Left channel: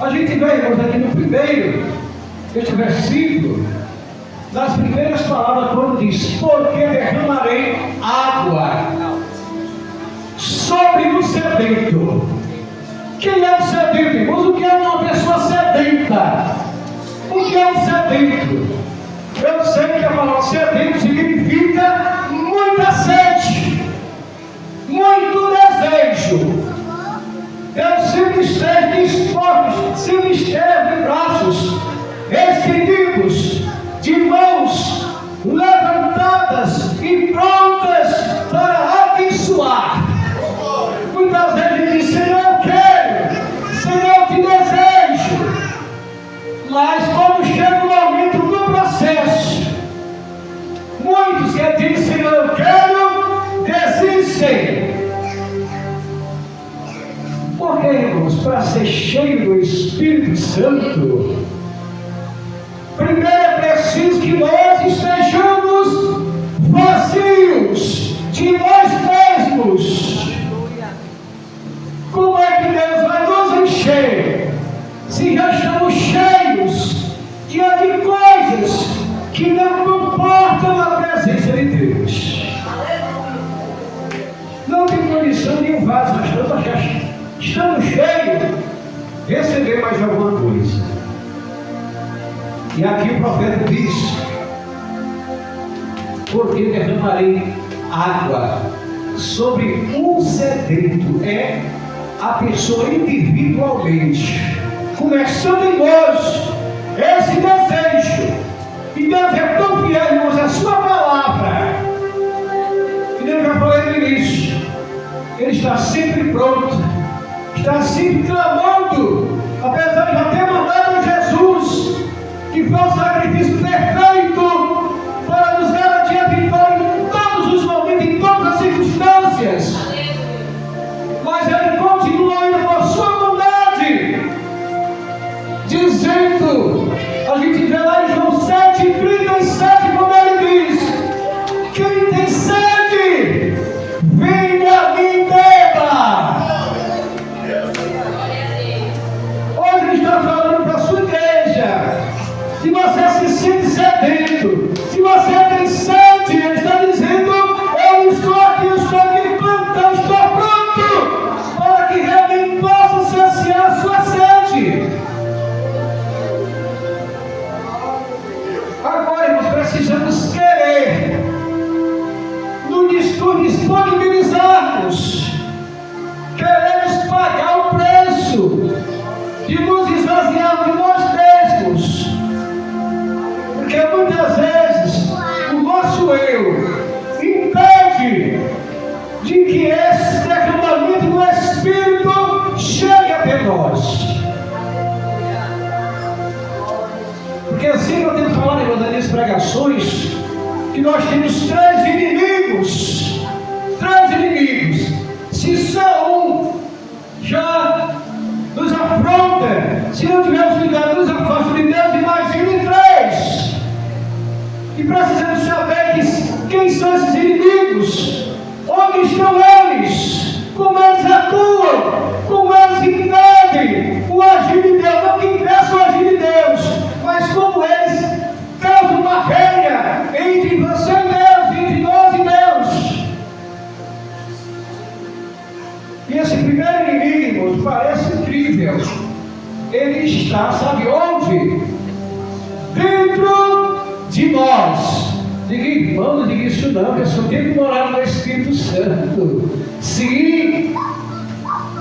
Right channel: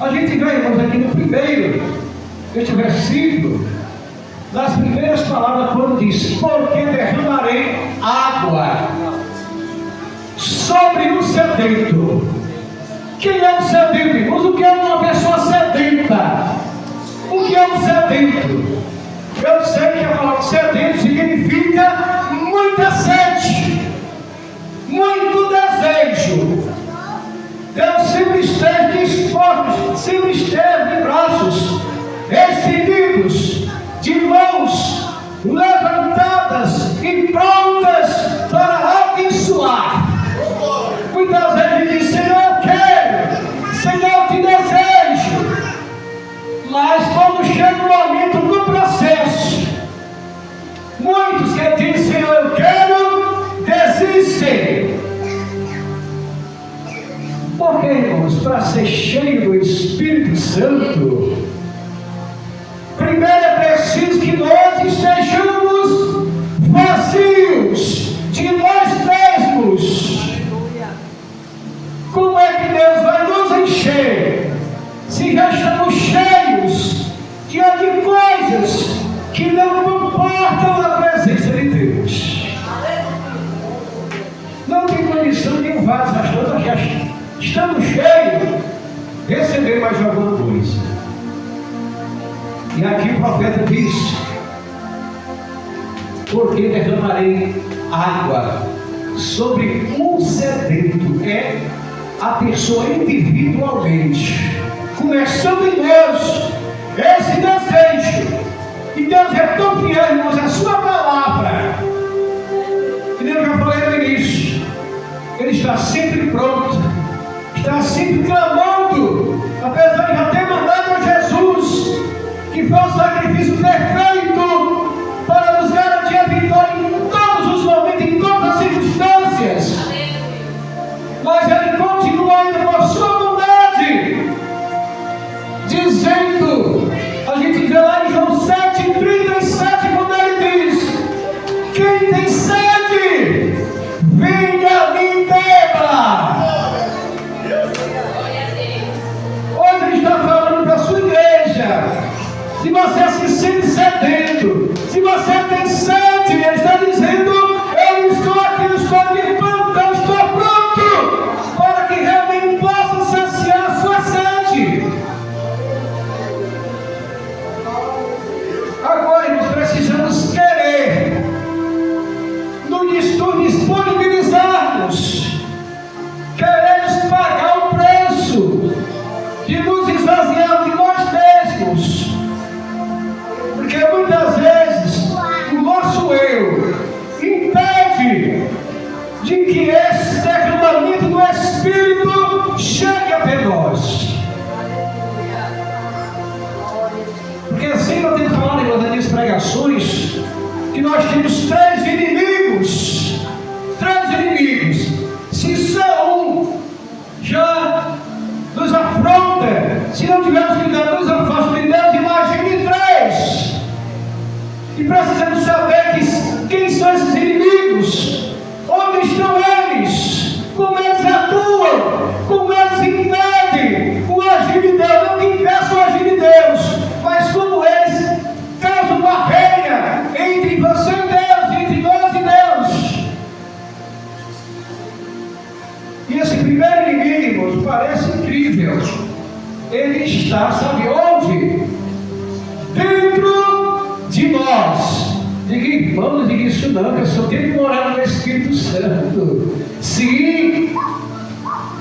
A gente vê, irmãos, aqui no primeiro, este versículo, nas primeiras palavras, quando diz: porque derramarei água sobre o sedento. Quem é o sedento, irmãos? O que é uma pessoa sedenta? O que é um sedento? Eu sei que a palavra sedento significa muita sede, muito desejo. Deus sempre esteve dispostos, sempre esteve de braços estendidos, de mãos levantadas e prontas para abençoar. Muitas vezes diz: Senhor, eu quero, Senhor, eu te desejo. Mas quando chega o momento do processo, muitos que dizem: Senhor, eu quero, desistem. Porque, irmãos, para ser cheio do Espírito Santo, primeiro é preciso que nós estejamos vazios de nós mesmos. Como é que Deus vai nos encher se já estamos cheios de coisas que não comportam a presença de Deus? Não tem condição de um vaso, nós já estamos cheios, receber mais alguma coisa. E aqui o profeta diz: porque derramarei água sobre um sedento. É a pessoa individualmente, começando em nós, esse desejo. E Deus é tão fiel, irmãos, a sua palavra, que Deus já falou no início, Ele está sempre pronto, está sempre clamando, apesar de já ter mandado a Jesus, que foi o sacrifício perfeito para nos garantir a vitória em todos os momentos, em todas as circunstâncias. Mas Ele continua ainda com a sua bondade, dizendo, a gente vê lá em João 7:37, quando Ele diz: quem tem sede, venha a mim e beba. Hoje Ele está falando para a sua igreja. Se você se sente sedento, se você tem sede, Ele está dizendo: eu estou aqui, eu estou de plantão, estou pronto para que realmente possa saciar a sua sede. Agora nós precisamos querer nos disponibilizarmos, queremos pagar o preço de nos esvaziar de nós mesmos. Porque muitas vezes o nosso eu impede de que esse derramamento do Espírito chegue até nós. Porque assim eu tenho falado em das minhas pregações, que nós temos três inimigos. Se só um já nos afronta, se não tivermos ligado, nos afasta de Deus, imagine três. E precisamos saber quem são esses inimigos, onde estão eles, como eles atuam, como eles impedem o agir de Deus, não que impeçam o agir de Deus, mas como eles causam barreira entre você e Deus, entre nós e Deus. E esse primeiro inimigo parece incrível. Ele está, sabe onde? Dentro de nós. Diga, irmão, não diga isso não, que eu só tenho que morar no Espírito Santo. Sim,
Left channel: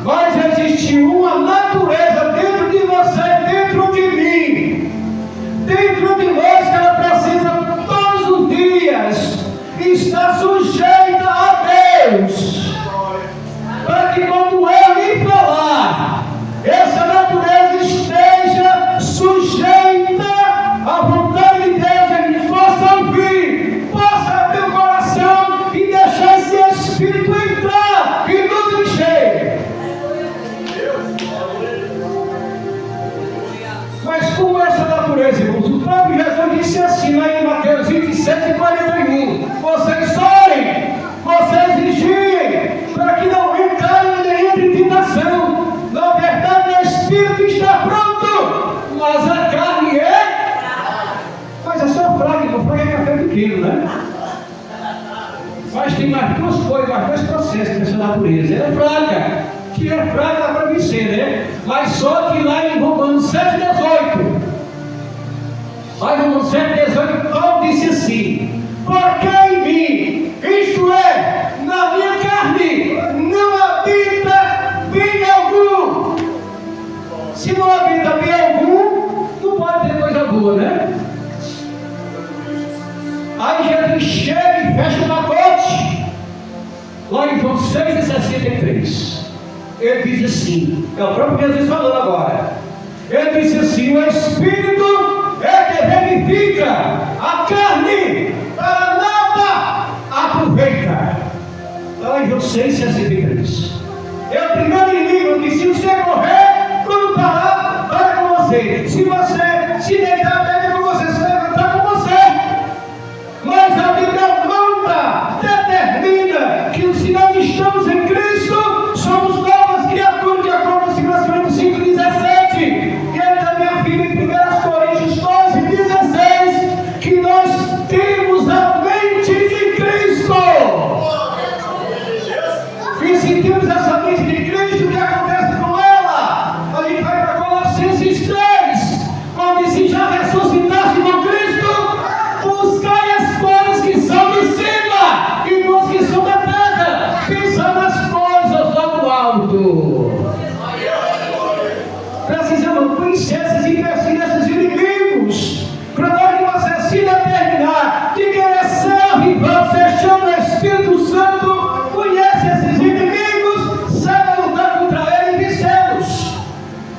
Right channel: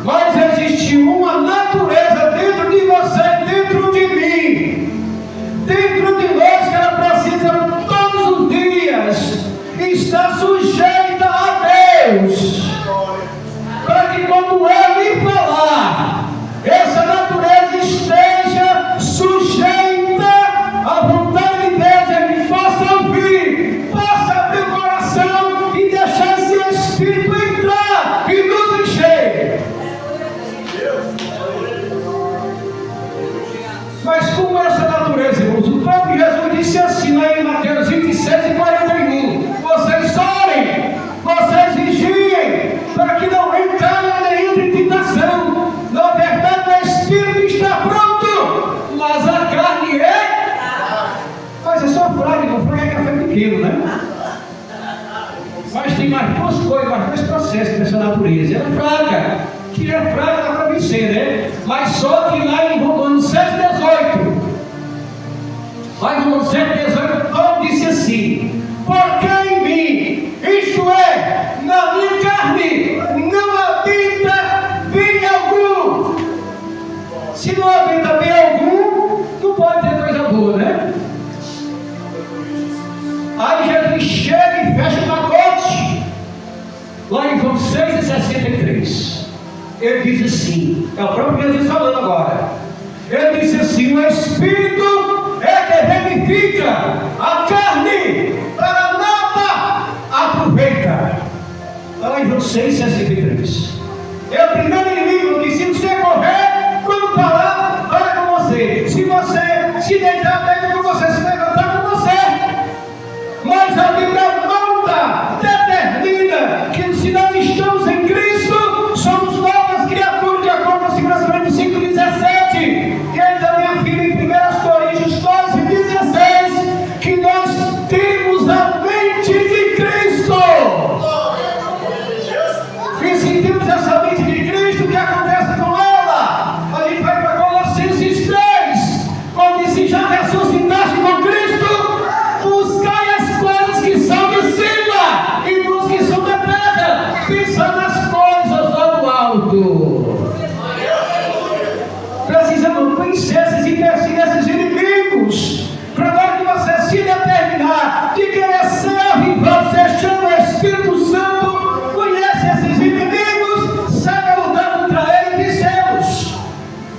mas existe uma natureza dentro de você, dentro de mim, dentro de nós, que ela precisa todos os dias estar sujeita a Deus, para que quando Ele falar, essa natureza esteja sujeita à vontade de Deus, Ele possa ouvir, possa abrir o coração e deixar esse Espírito entrar e nos encher. tem mais duas coisas, mais dois processos nessa natureza. Ela é fraca, que é fraca dá para vencer, né? Mas só que lá em Romanos 7,18, lá em Romanos 7,18, Paulo disse assim: porque em mim, isto é, na minha carne, não habita bem algum. Se não habita bem algum, não pode ter coisa boa, né? Aí Jesus chega e fecha o pacote. Lá em João 6,63, ele diz assim, é o próprio Jesus falando agora. Ele disse assim: o Espírito é que vivifica, a carne para nada aproveita. Lá em João 6,63. É o primeiro inimigo que, se você correr, quando parar, para com você. Se você se deitar, deita com você. Se levantar, com você. Mas a Bíblia manda, determina que, se nós estamos em Cristo, somos novas criaturas, de acordo com 2 Coríntios 5,17. E aí também afirma em 1 Coríntios 12,16, que nós temos a mente de Cristo. E se temos essa mente de Cristo, o que acontece com ela? A gente vai para Colossenses 3, onde se já ressuscitaste com Cristo, buscai as coisas que são de cima e não as que são da terra, pensando nas coisas lá do alto. Precisamos vencer esses inimigos, para na hora que você se determinar de querer ser avivado, você chama o Espírito Santo, conhece esses inimigos, saiba lutar contra eles e vencê-los.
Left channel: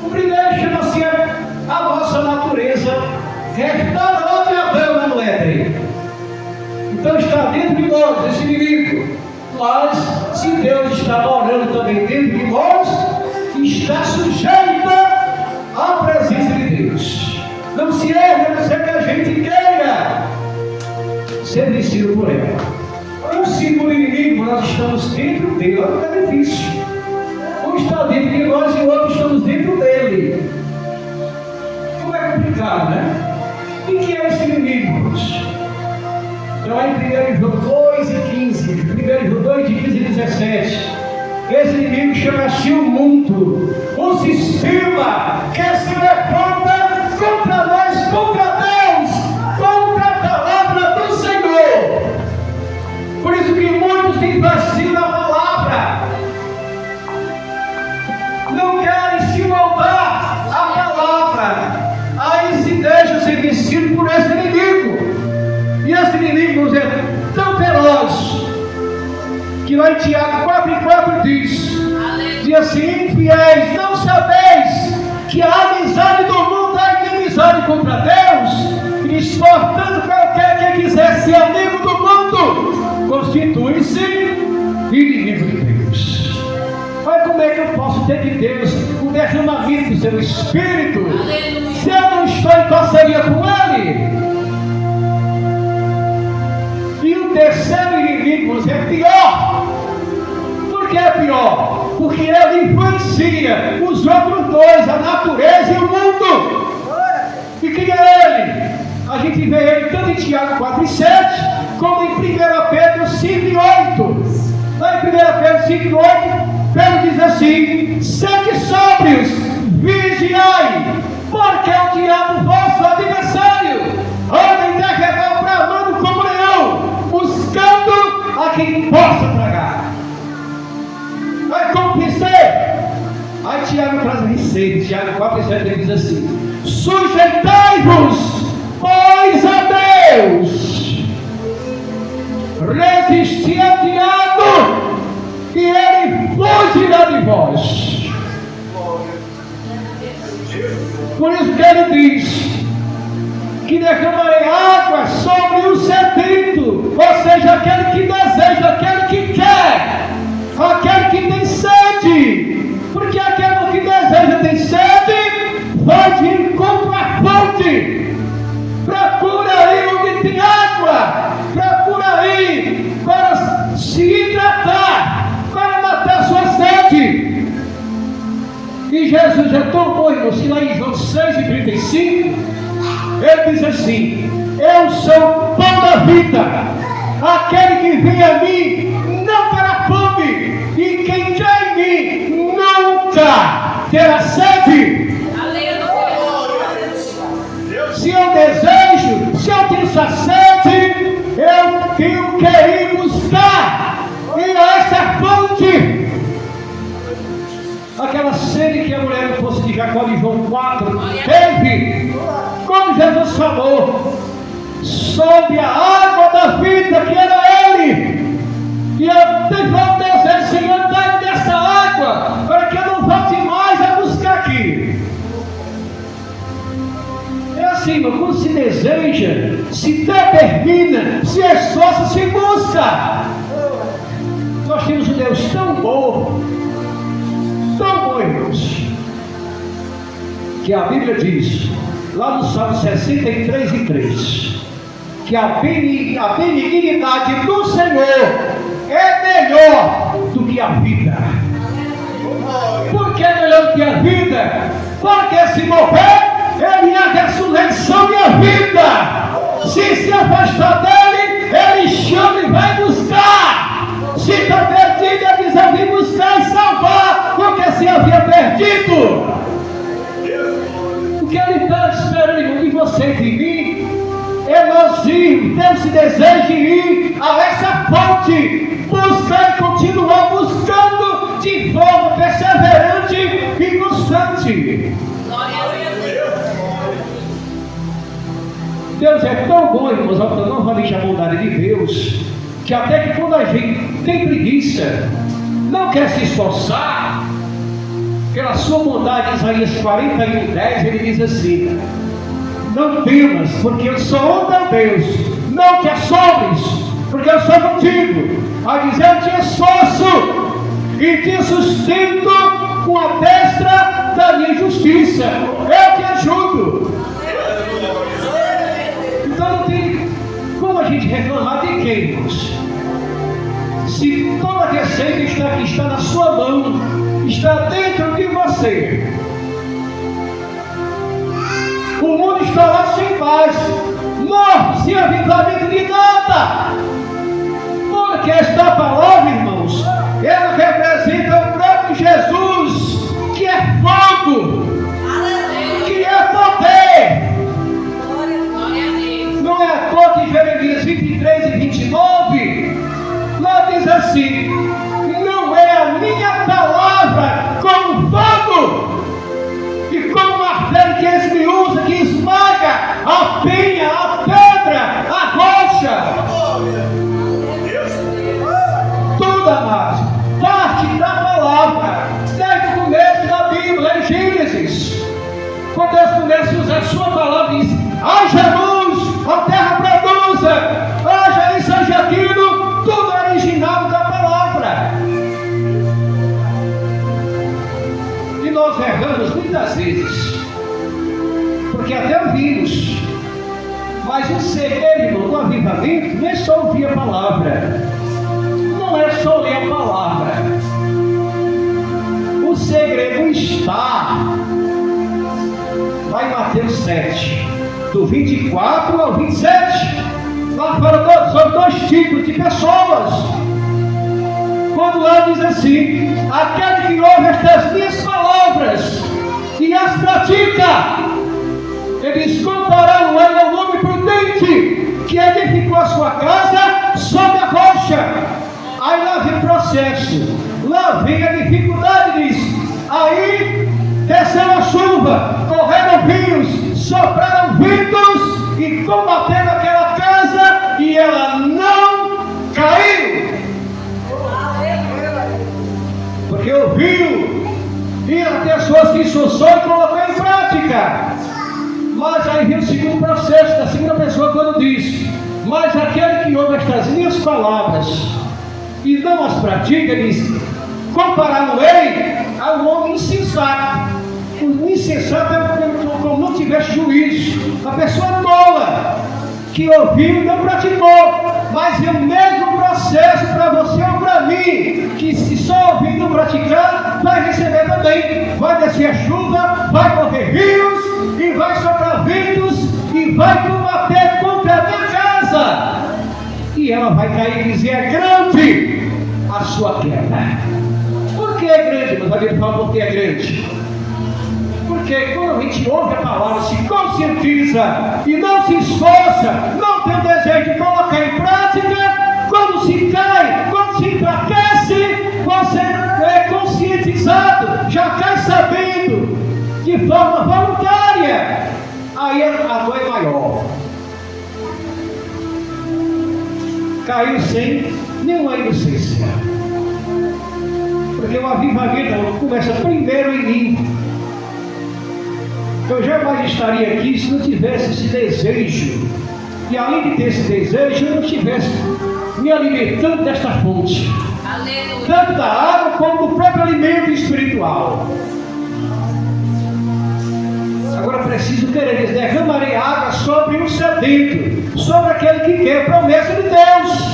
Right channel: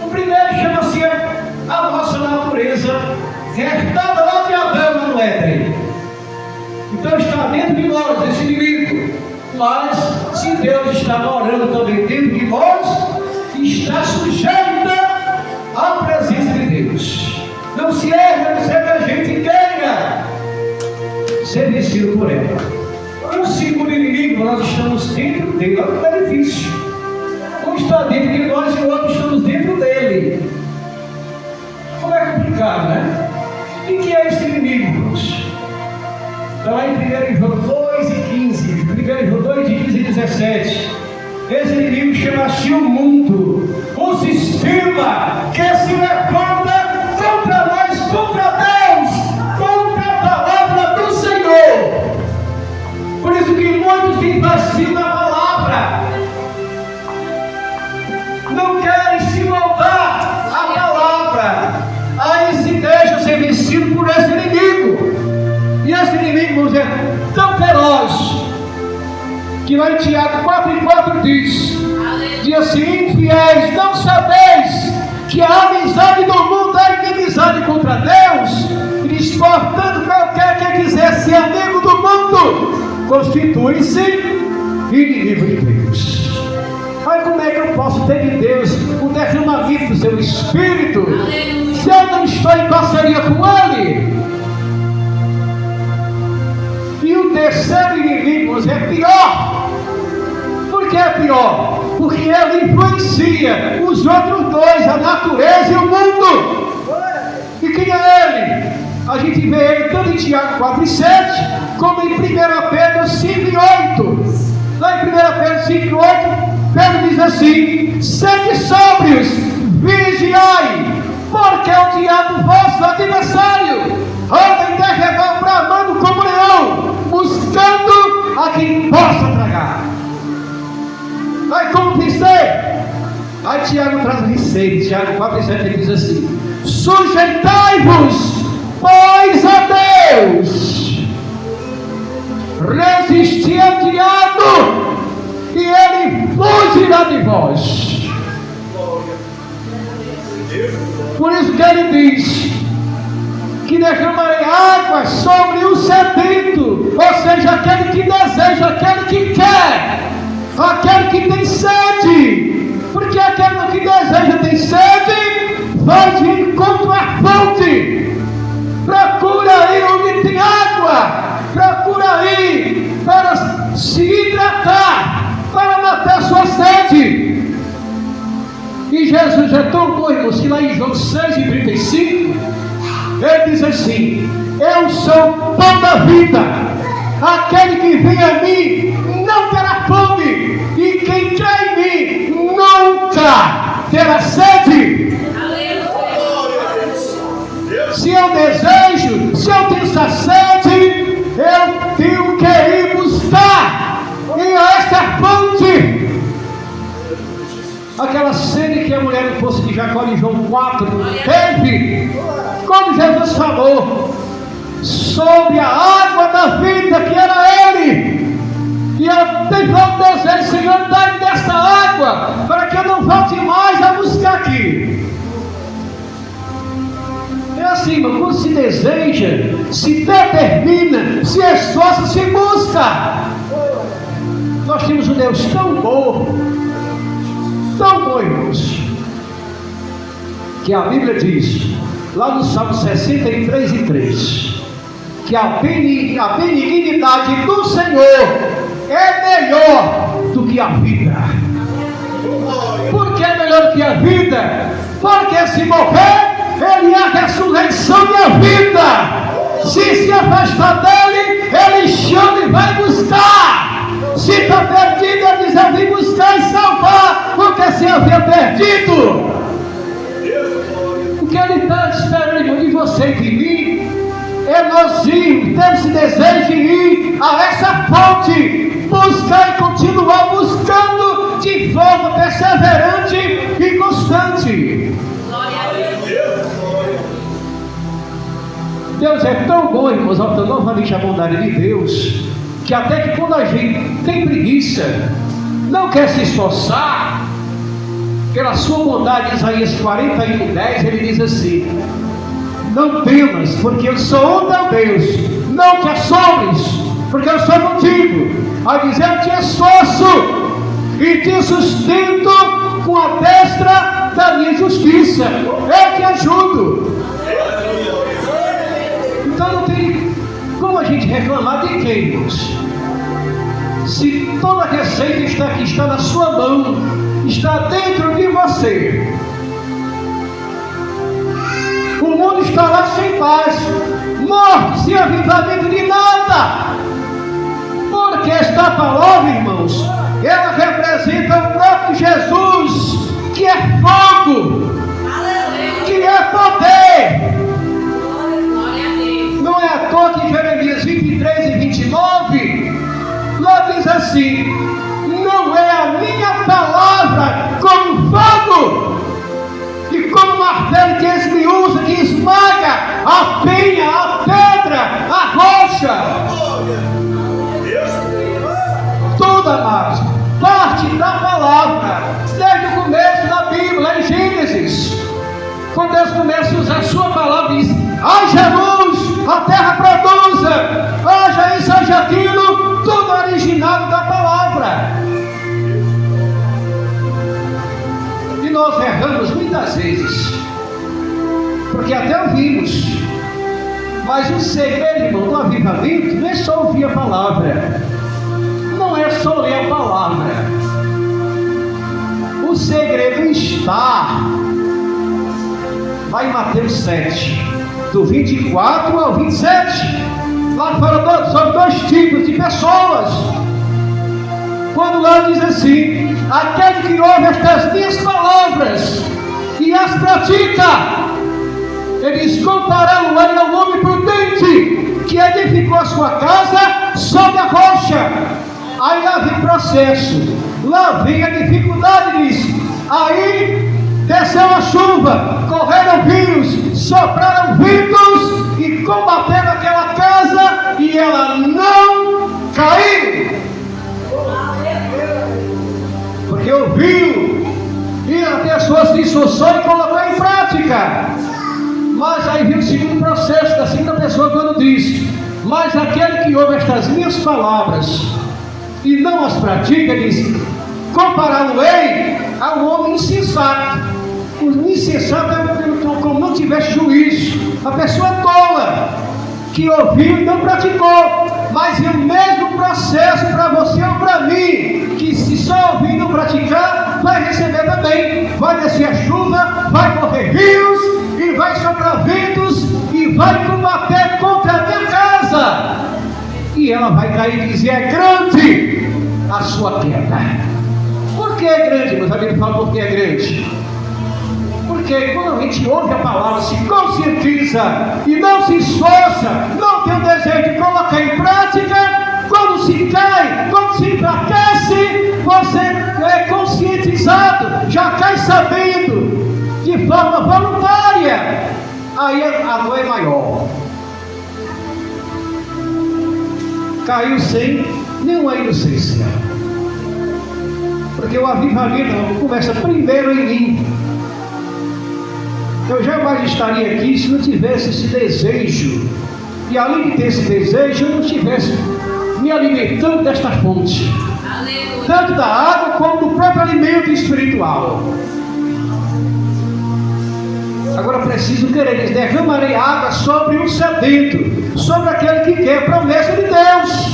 O primeiro chama-se a nossa natureza, restada lá de Adão, lá no Éden. Então está dentro de nós esse inimigo. Mas se Deus está morando também dentro de nós, está sujeita à presença de Deus. Não se erra, não sei que a gente queira ser vencido por ela. O segundo inimigo, nós estamos dentro dele. Olha que é difícil. Um está dentro de nós e o outro estamos dentro dele. Como é complicado, né? E que é esse inimigo, irmãos? Então, lá em 1 João 2,15, 1 João 2,15 e 17, esse inimigo chama-se o mundo, o sistema que se levanta contra nós, contra Deus, contra a palavra do Senhor. Por isso que muitos têm vacilo na palavra, não querem se moldar à palavra, aí se deixam ser vencidos por esse inimigo. E esse inimigo é tão feroz que lá em Tiago 4,4 diz assim: infiéis, não sabeis que a amizade do mundo é inimizade contra Deus? E diz: portanto, qualquer que quiser ser amigo do mundo, constitui-se inimigo de Deus. Mas como é que eu posso ter de Deus o derramamento do seu Espírito, se eu não estou em parceria com Ele? E o terceiro inimigo é pior. Por que é pior? Porque ele influencia os outros dois, a natureza e o mundo. E quem é ele? A gente vê ele tanto em Tiago 4,7, como em 1 Pedro 5,8. Lá em 1 Pedro 5,8, Pedro diz assim: sede sóbrios, vigiai, porque o diabo, vosso adversário, anda em derredor bramando como leão, buscando a quem possa tragar. Aí como vencer? Aí Tiago traz a receita. Tiago 4,7, ele diz assim: sujeitai-vos, pois, a Deus, resisti ao diabo, e ele fugirá de vós. Por isso que ele diz que derramarei água sobre o sedento, ou seja, aquele que deseja, aquele que quer, aquele que tem sede, porque aquele que deseja, tem sede, vai de encontro à fonte, procura aí onde tem água, procura aí para se hidratar, para matar sua sede. E Jesus é tão bom, irmãos, que lá em João 6,35, ele diz assim: eu sou o pão da vida, aquele que vem a mim não terá fome, e quem crê em mim nunca terá sede. Se eu desejo, se eu tenho essa sede, eu tenho que ir buscar em esta fonte. Aquela sede que a mulher no poço de Jacó de João 4 teve, quando Jesus falou sobre a água da vida que era Ele, e ela teve o desejo: Senhor, dá-me desta água, para que eu não volte mais a buscar aqui. É assim, irmão, quando se deseja, se determina, se esforça, se busca. Nós temos um Deus tão bom, irmãos, que a Bíblia diz, lá no Salmo 63:3, que a benignidade do Senhor é melhor do que a vida. Por que é melhor do que a vida? Porque se morrer, Ele é a ressurreição e a vida. Se afastar dele, Ele chama e vai buscar. Se está perdido, Ele diz: eu vim buscar e salvar, porque se havia perdido. O que Ele está esperando de você e de mim é nós irmos, ter esse desejo de ir a essa fonte, buscar e continuar buscando de forma perseverante e constante. Deus é tão bom, irmãos, novamente a bondade de Deus, que até que quando a gente tem preguiça, não quer se esforçar, pela sua bondade, em Isaías 41:10, ele diz assim: não temas, porque eu sou o teu Deus, não te assombres, porque eu sou contigo, a dizer: eu te esforço e te sustento com a destra da minha justiça, eu te ajudo. Então não tem como a gente reclamar de quem, irmãos? Se toda a receita está na sua mão, está dentro de você. O mundo está lá sem paz, morto, sem avivamento de nada. Porque esta palavra, irmãos, ela representa o próprio Jesus, que é fogo, que é poder. Não é à toa que Jeremias 23:29 lá diz assim: não é a minha palavra como fogo e como martelo que esmiuça, que esmaga a penha, a pedra, a rocha. Tudo, amados, parte da palavra, desde o começo da Bíblia, em Gênesis, quando Deus começa a usar a sua palavra, diz: haja luz, a terra produza, haja isso, haja aquilo, tudo originado da palavra. E nós erramos muitas vezes, porque até ouvimos, mas o segredo, irmão, do avivamento não é só ouvir a palavra, não é só ler a palavra. O segredo está lá em Mateus 7, do 24 ao 27, lá fala sobre dois tipos de pessoas. Quando lá diz assim: aquele que ouve estas minhas palavras e as pratica, ele diz: comparando ele ao homem prudente que edificou a sua casa sobre a rocha. Aí lá vem processo, lá vem a dificuldade, diz. Aí desceu a chuva, correram rios, sopraram ventos e combateram aquela casa, e ela não caiu. Porque ouviu, e a pessoa se esforçou e colocou em prática. Mas aí vem o segundo processo, da segunda pessoa, quando diz: mas aquele que ouve estas minhas palavras e não as pratica, diz: compará-lo-ei a um homem insensato. O insensato é como não tivesse juízo. A pessoa tola, que ouviu e não praticou. Mas é o mesmo processo para você ou para mim, que se só ouvir e não praticar, vai receber também. Vai descer a chuva, vai correr rios, e vai soprar ventos, e vai combater contra a minha casa. E e ela vai cair e dizer: é grande a sua queda. Por que é grande? Meus amigos falam por que é grande. Porque quando a gente ouve a palavra, se conscientiza e não se esforça, não tem o desejo de colocar em prática, quando se cai, quando se enfraquece, você é conscientizado, já cai sabendo, de forma voluntária, aí a dor é maior. Caiu sem nenhuma inocência, porque o avivamento começa primeiro em mim. Eu jamais estaria aqui se não tivesse esse desejo, e além de ter esse desejo, eu não estivesse me alimentando desta fonte, aleluia, tanto da água como do próprio alimento espiritual. Agora preciso querer, diz: derramarei água sobre o sedento, sobre aquele que quer, promessa de Deus.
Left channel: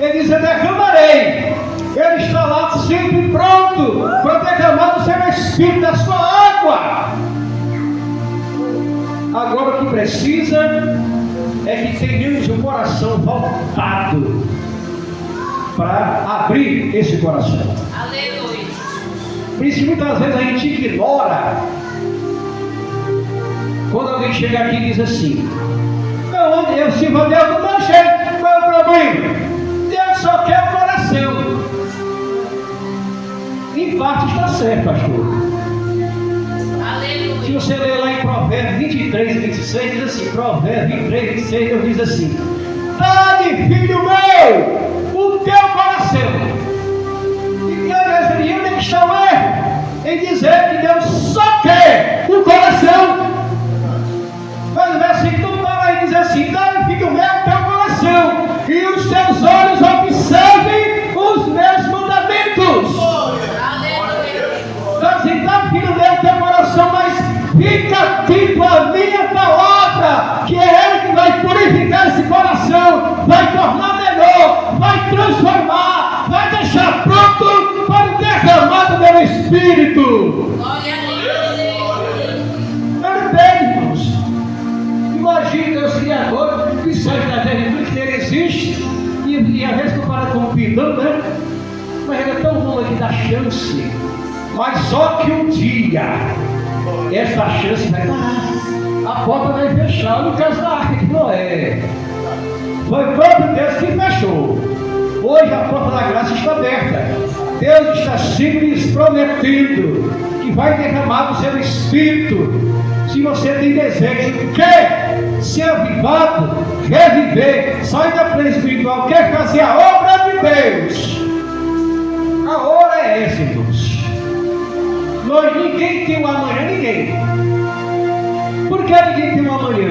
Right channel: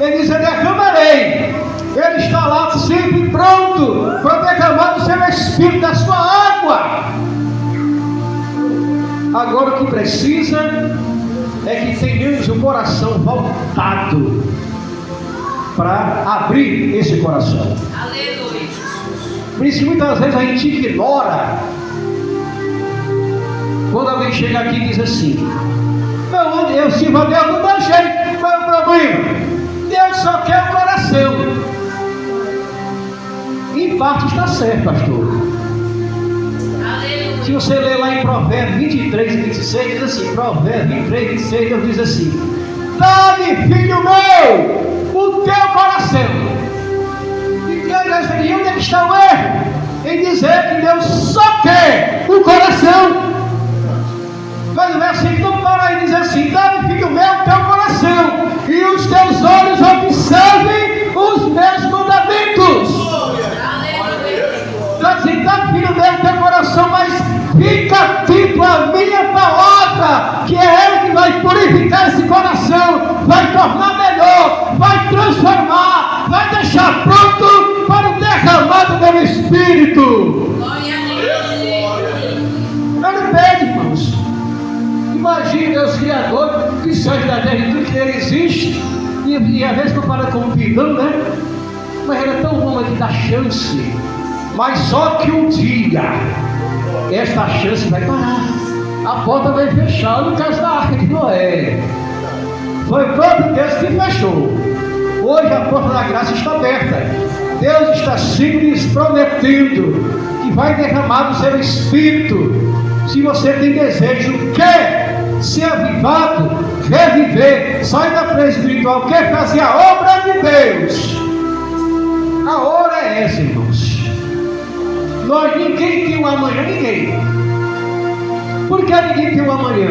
Ele diz: eu derramarei. Ele está lá sempre pronto para derramar do seu Espírito, da sua água. Agora o que precisa é que tenhamos o coração voltado para abrir esse coração. Aleluia. Por isso muitas vezes a gente ignora. Quando alguém chega aqui e diz assim: eu sirvo a Deus do meu jeito, qual é o problema? Deus só quer o coração. Em parte está certo, pastor. Se você ler lá em Provérbios 23 e 26, diz assim, Provérbios 23 e 26, Deus diz assim: dá-me, filho meu, o teu coração. E onde é que está o erro? Em dizer que Deus só quer o coração. Mas o versículo para aí diz assim: dá-me, filho meu, o teu coração, e os teus olhos observem os meus mandamentos. Está dizendo: dá-me, filho meu, o teu coração, mas fica atento à minha palavra, que é ela que vai purificar esse coração, vai tornar melhor, vai transformar, vai deixar pronto para o derramado do meu Espírito. Glória a Deus. Ele pede, irmãos. Imagine Deus Criador, que seja da terra e tudo que ele existe, e às vezes compara com um pidão, né? Mas ele é tão bom que dá chance. Mas só que um dia esta chance vai parar, a porta vai fechar. No caso da Arca de Noé, foi o próprio Deus que fechou. Hoje a porta da graça está aberta. Deus está simples prometendo que vai derramar do seu Espírito, se você tem desejo, quer ser avivado, reviver, sair da frente espiritual, quer fazer a obra de Deus. A hora é essa, irmãos. Ninguém tem um amanhã, ninguém. Por que ninguém tem um amanhã?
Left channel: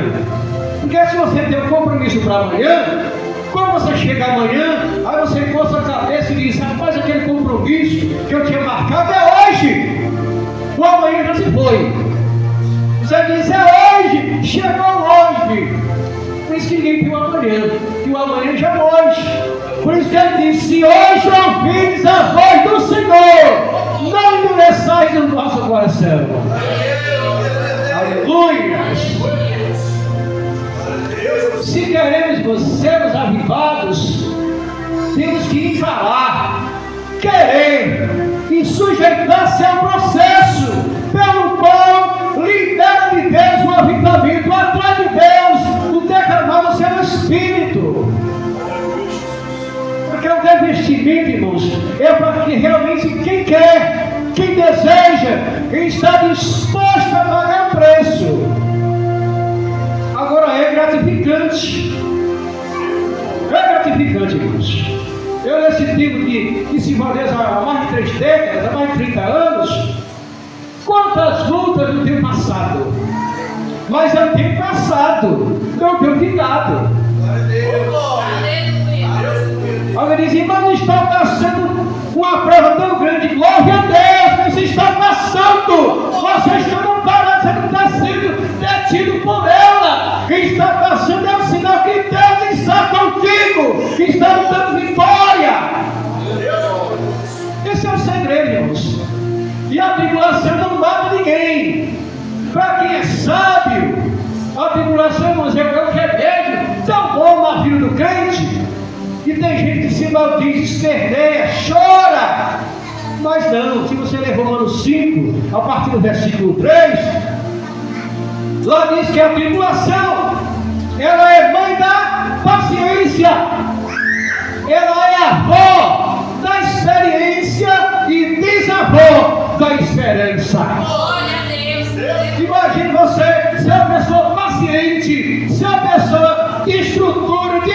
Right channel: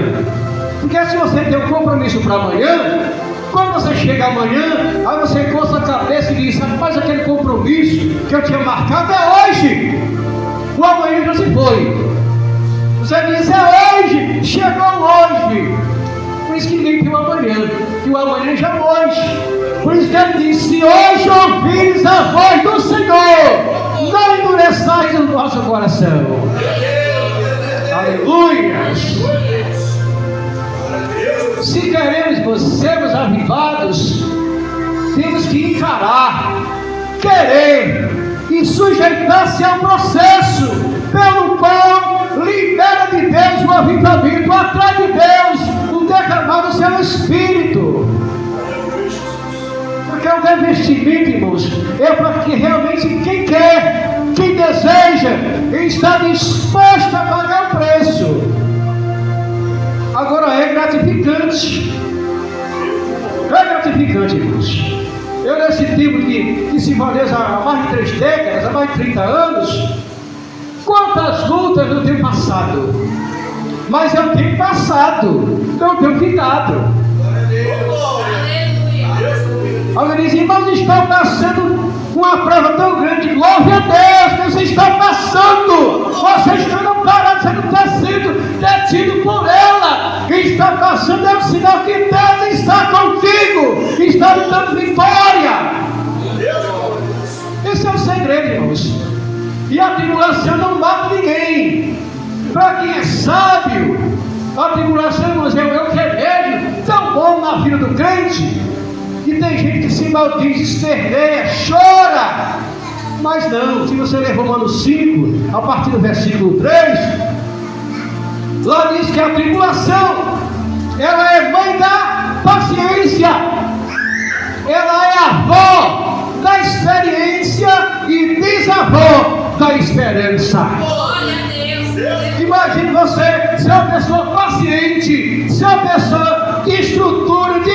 Porque se você tem um compromisso para amanhã, quando você chega amanhã, aí você coça a cabeça e diz: rapaz, aquele compromisso que eu tinha marcado é hoje. O amanhã já se foi. Você diz: é hoje, chegou hoje. Por isso que ninguém tem um amanhã, que o amanhã já é hoje. Por isso que ele diz: se hoje ouvires a voz do Senhor, não endureçais o nosso coração. Aleluia. Se queremos sermos avivados, temos que encarar, querer e sujeitar-se ao processo pelo qual libera de Deus o avivamento, atrai de Deus o derramar do seu Espírito. Porque o revestimento, irmãos, é para que realmente quem quer, quem deseja, está disposto a pagar o preço. Agora é gratificante. É gratificante, irmãos. Eu nesse tempo que se valeu há mais de 3 décadas, há mais de 30 anos, quantas lutas eu tenho passado. Mas eu tenho passado, eu tenho ficado. Alguém diz: mas está passando uma prova tão grande. Glória a Deus, você está passando. Você está não parado, você não está sendo detido por ela. Quem está passando é um sinal que Deus está contigo, está lhe dando vitória. Esse é o segredo, irmãos. E a tribulação não mata ninguém. Para quem é sábio, a tribulação, irmãos, é o que é vejo tão bom na vida do crente. E tem gente que se maldiz, esperneia, chora. Mas não, se você ler Romanos 5, a partir do versículo 3, lá diz que a tribulação, ela é mãe da paciência, ela é avó da experiência e bisavó da esperança. Imagine você ser uma pessoa paciente, ser uma pessoa de estrutura, de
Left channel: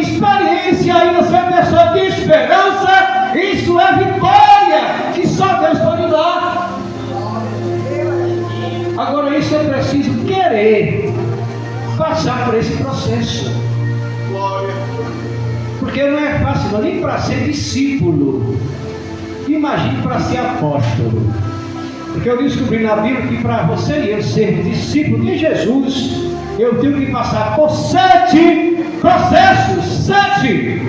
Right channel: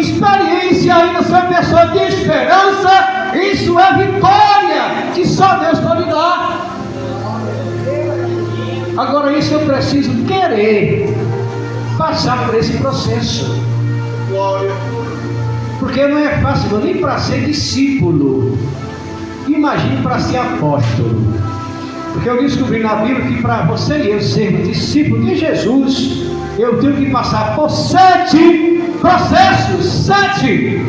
experiência, ainda ser uma pessoa de esperança. Isso é vitória que só Deus pode dar. Agora isso eu preciso querer passar por esse processo. Porque não é fácil, nem para ser discípulo. Imagine para ser apóstolo. Porque eu descobri na Bíblia que para você e eu sermos discípulos de Jesus, eu tenho que passar por 7 processos. 7.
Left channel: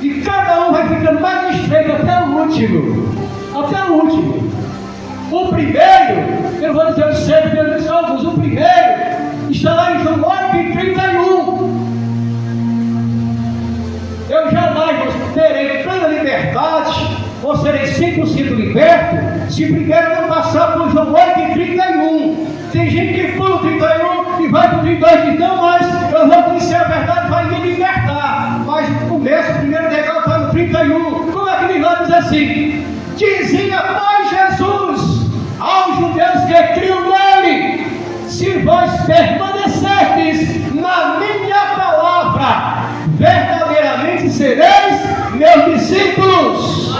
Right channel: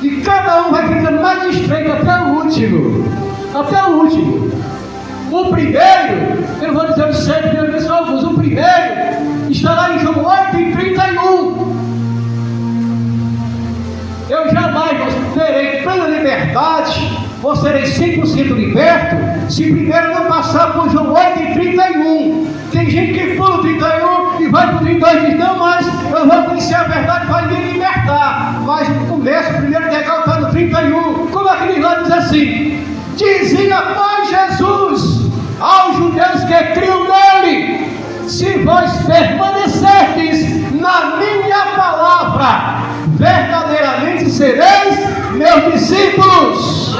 E cada um vai ficando mais estreito até o último. Até o último. O primeiro, eu vou dizer os 7 pelo menos alguns. O primeiro está lá em João 8:31. Eu jamais terei plena liberdade, ou serei 100% liberto, se primeiro não passar por João 8:31. Tem gente que pula o 31 e vai para o 32 e diz, não, mas eu vou conhecer a verdade, vai me libertar. Mas no começo, o primeiro legal está no 31. Como é que ele lá diz assim? Dizia, pois, Jesus aos judeus que criam nele, se vós permanecerdes na minha palavra, verdadeiramente sereis meus discípulos.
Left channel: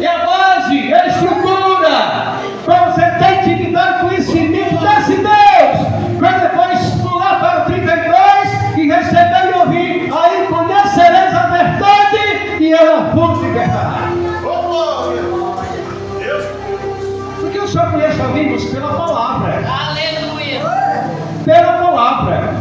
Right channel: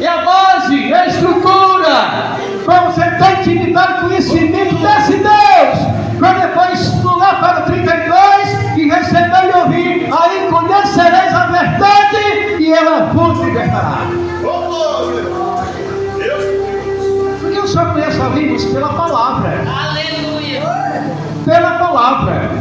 É a base, é a estrutura para você ter intimidade, conhecimento desse Deus. Para depois pular para o 32 e receber e ouvir, aí conhecereis a verdade e ela vos libertará. Porque eu só conheço a Bíblia pela palavra. Aleluia. Pela palavra.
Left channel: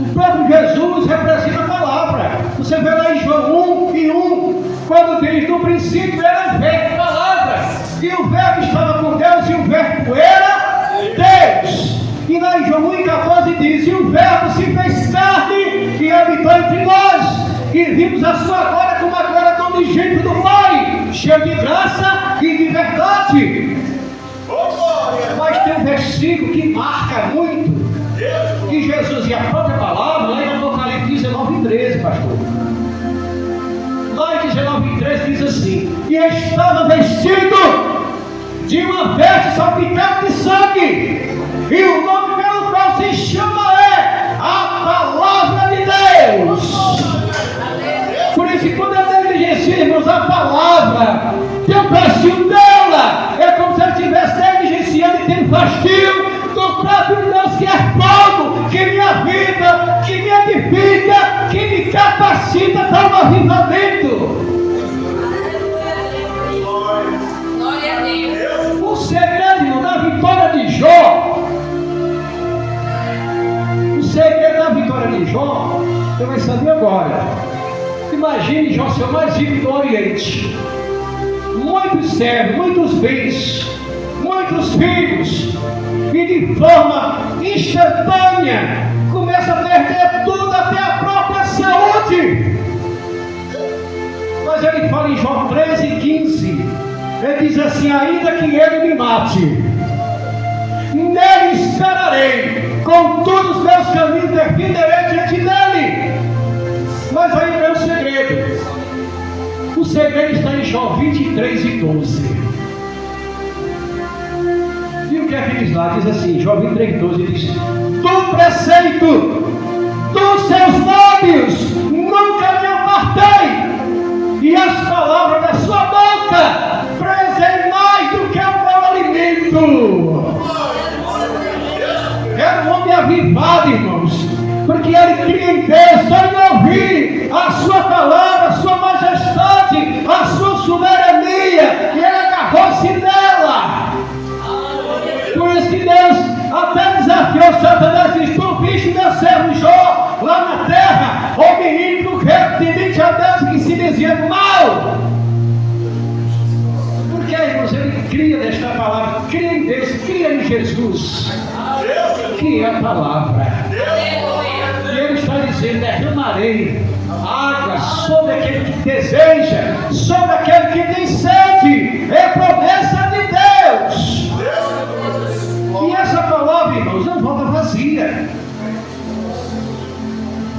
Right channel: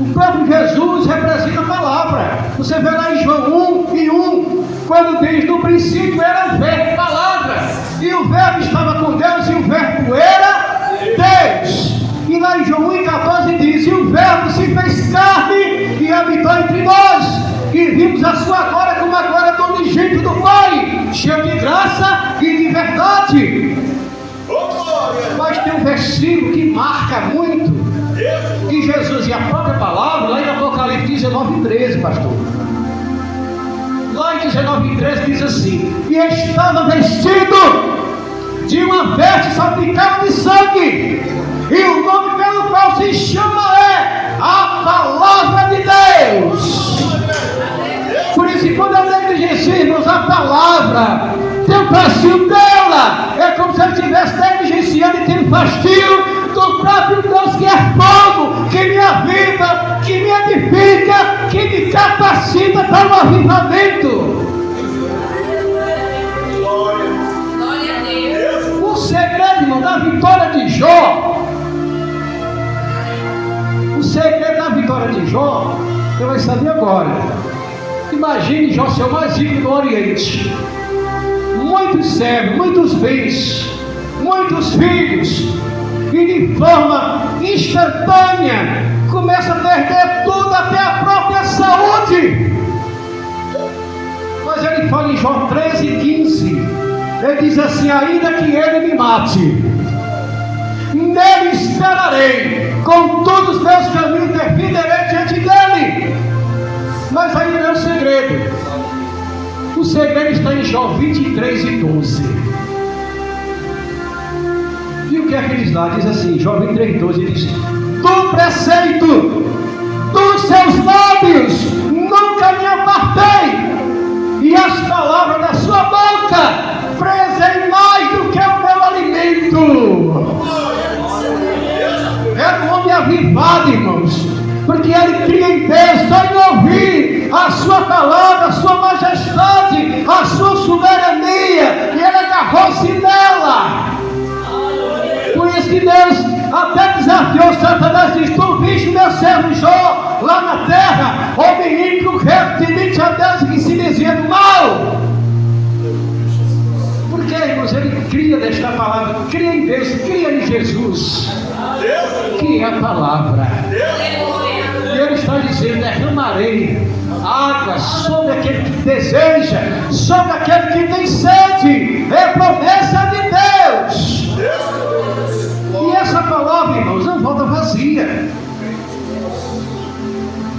O próprio Jesus representa a palavra. Você vê lá em João 1:1, quando diz, no princípio era o verbo, palavra, e o verbo estava com Deus, e o verbo era Deus. E lá em João 1:14 diz, e o verbo se fez carne e habitou entre nós, e vimos a sua glória como a glória do unigênito do Pai, cheio de graça e de verdade. Mas tem um versículo que marca muito, que Jesus e a própria palavra, lá em Apocalipse 19:13, pastor. Lá em 19:13 diz assim, e estava vestido de uma veste salpicada de sangue, e o nome pelo qual se chama é a Palavra de Deus. Por isso que quando nós negligenciamos a palavra, tem o fastio dela, é como se ele estivesse negligenciando e tendo fastio do próprio Deus, que é fogo, que me avisa, que me edifica, que me capacita para o avivamento. Glória a Deus. O segredo da vitória de Jó, o segredo da vitória de Jó, você vai saber agora. Imagine Jó ser o mais rico do Oriente, muitos servos, muitos bens, muitos filhos, e de forma instantânea começa a perder tudo, até a própria saúde. Mas ele fala em Jó 13:15, ele diz assim, ainda que ele me mate, nele esperarei, com todos os meus caminhos defenderei diante dele. Mas aí não é o segredo. O segredo está em Jó 23:12. E o que é que diz lá? Diz assim, Jó 23:12, diz, do preceito dos seus lábios nunca me apartei, e as palavras da sua boca prezei mais do que o meu alimento. Era um homem avivado, irmãos, porque ele cria em Deus, só em ouvir a sua palavra, a sua majestade, a sua soberania, e ele agarrou-se nela. Por isso que Deus até desafiou Satanás, diz, tu viste meu servo Jó lá na terra, homem ímpio, reto, temente a Deus, que se dizia do mal. Porque, irmãos, ele cria desta palavra, cria em Deus, cria em Jesus, que é a palavra. E ele está dizendo: derramarei água sobre aquele que deseja, sobre aquele que tem sede. É promessa de Deus. E essa palavra, irmãos, não volta vazia.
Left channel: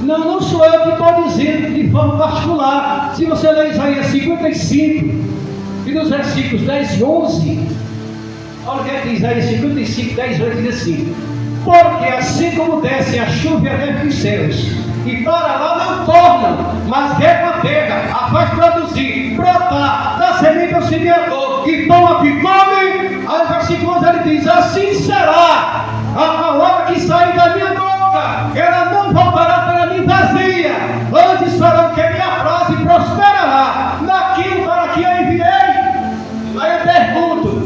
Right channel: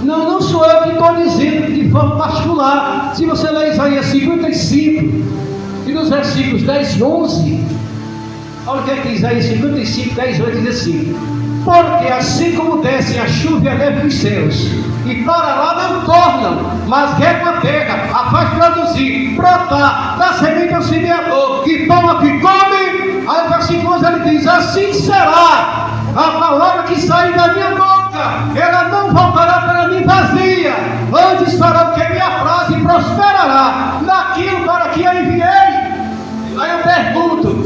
Não sou eu que estou dizendo de forma particular. Se você ler Isaías 55 e nos versículos 10 e 11, olha o que é que Isaías 55, 10 e 11 diz assim: porque assim como desce a chuva e a neve dos céus, e para lá não tornam, mas regam a terra, a faz produzir, brotar, dá semente ao semeador, e pão a que come. Aí o versículo 11 ele diz: assim será a palavra que sai da minha boca, ela não voltará para mim vazia, antes fará o que me apraz e prosperará naquilo para que eu enviei. Aí eu pergunto:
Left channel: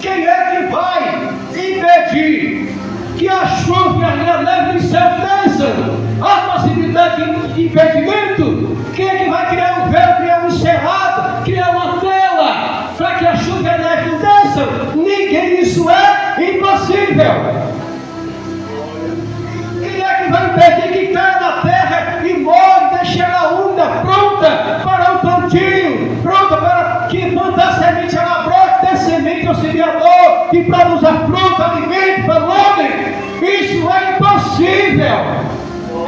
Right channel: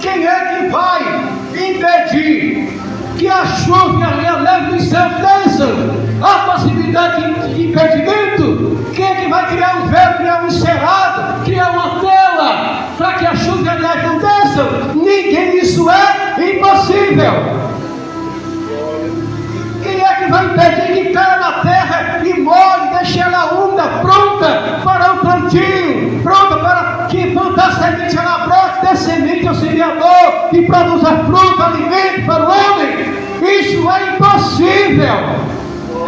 quem é que vai impedir que a chuva e a neve dos céus desçam? Há possibilidade de impedimento? Quem é que vai criar um véu, criar um cerrado, criar uma tela para que a chuva e a neve não desçam? Ninguém. Isso é impossível. Quem é que vai impedir que caia na terra e molhe, deixe ela úmida, pronta para o plantio, pronta para que plantar semente, ela brote, dê semente ao semeador e produza fruta, alimento para o homem? Isso é impossível.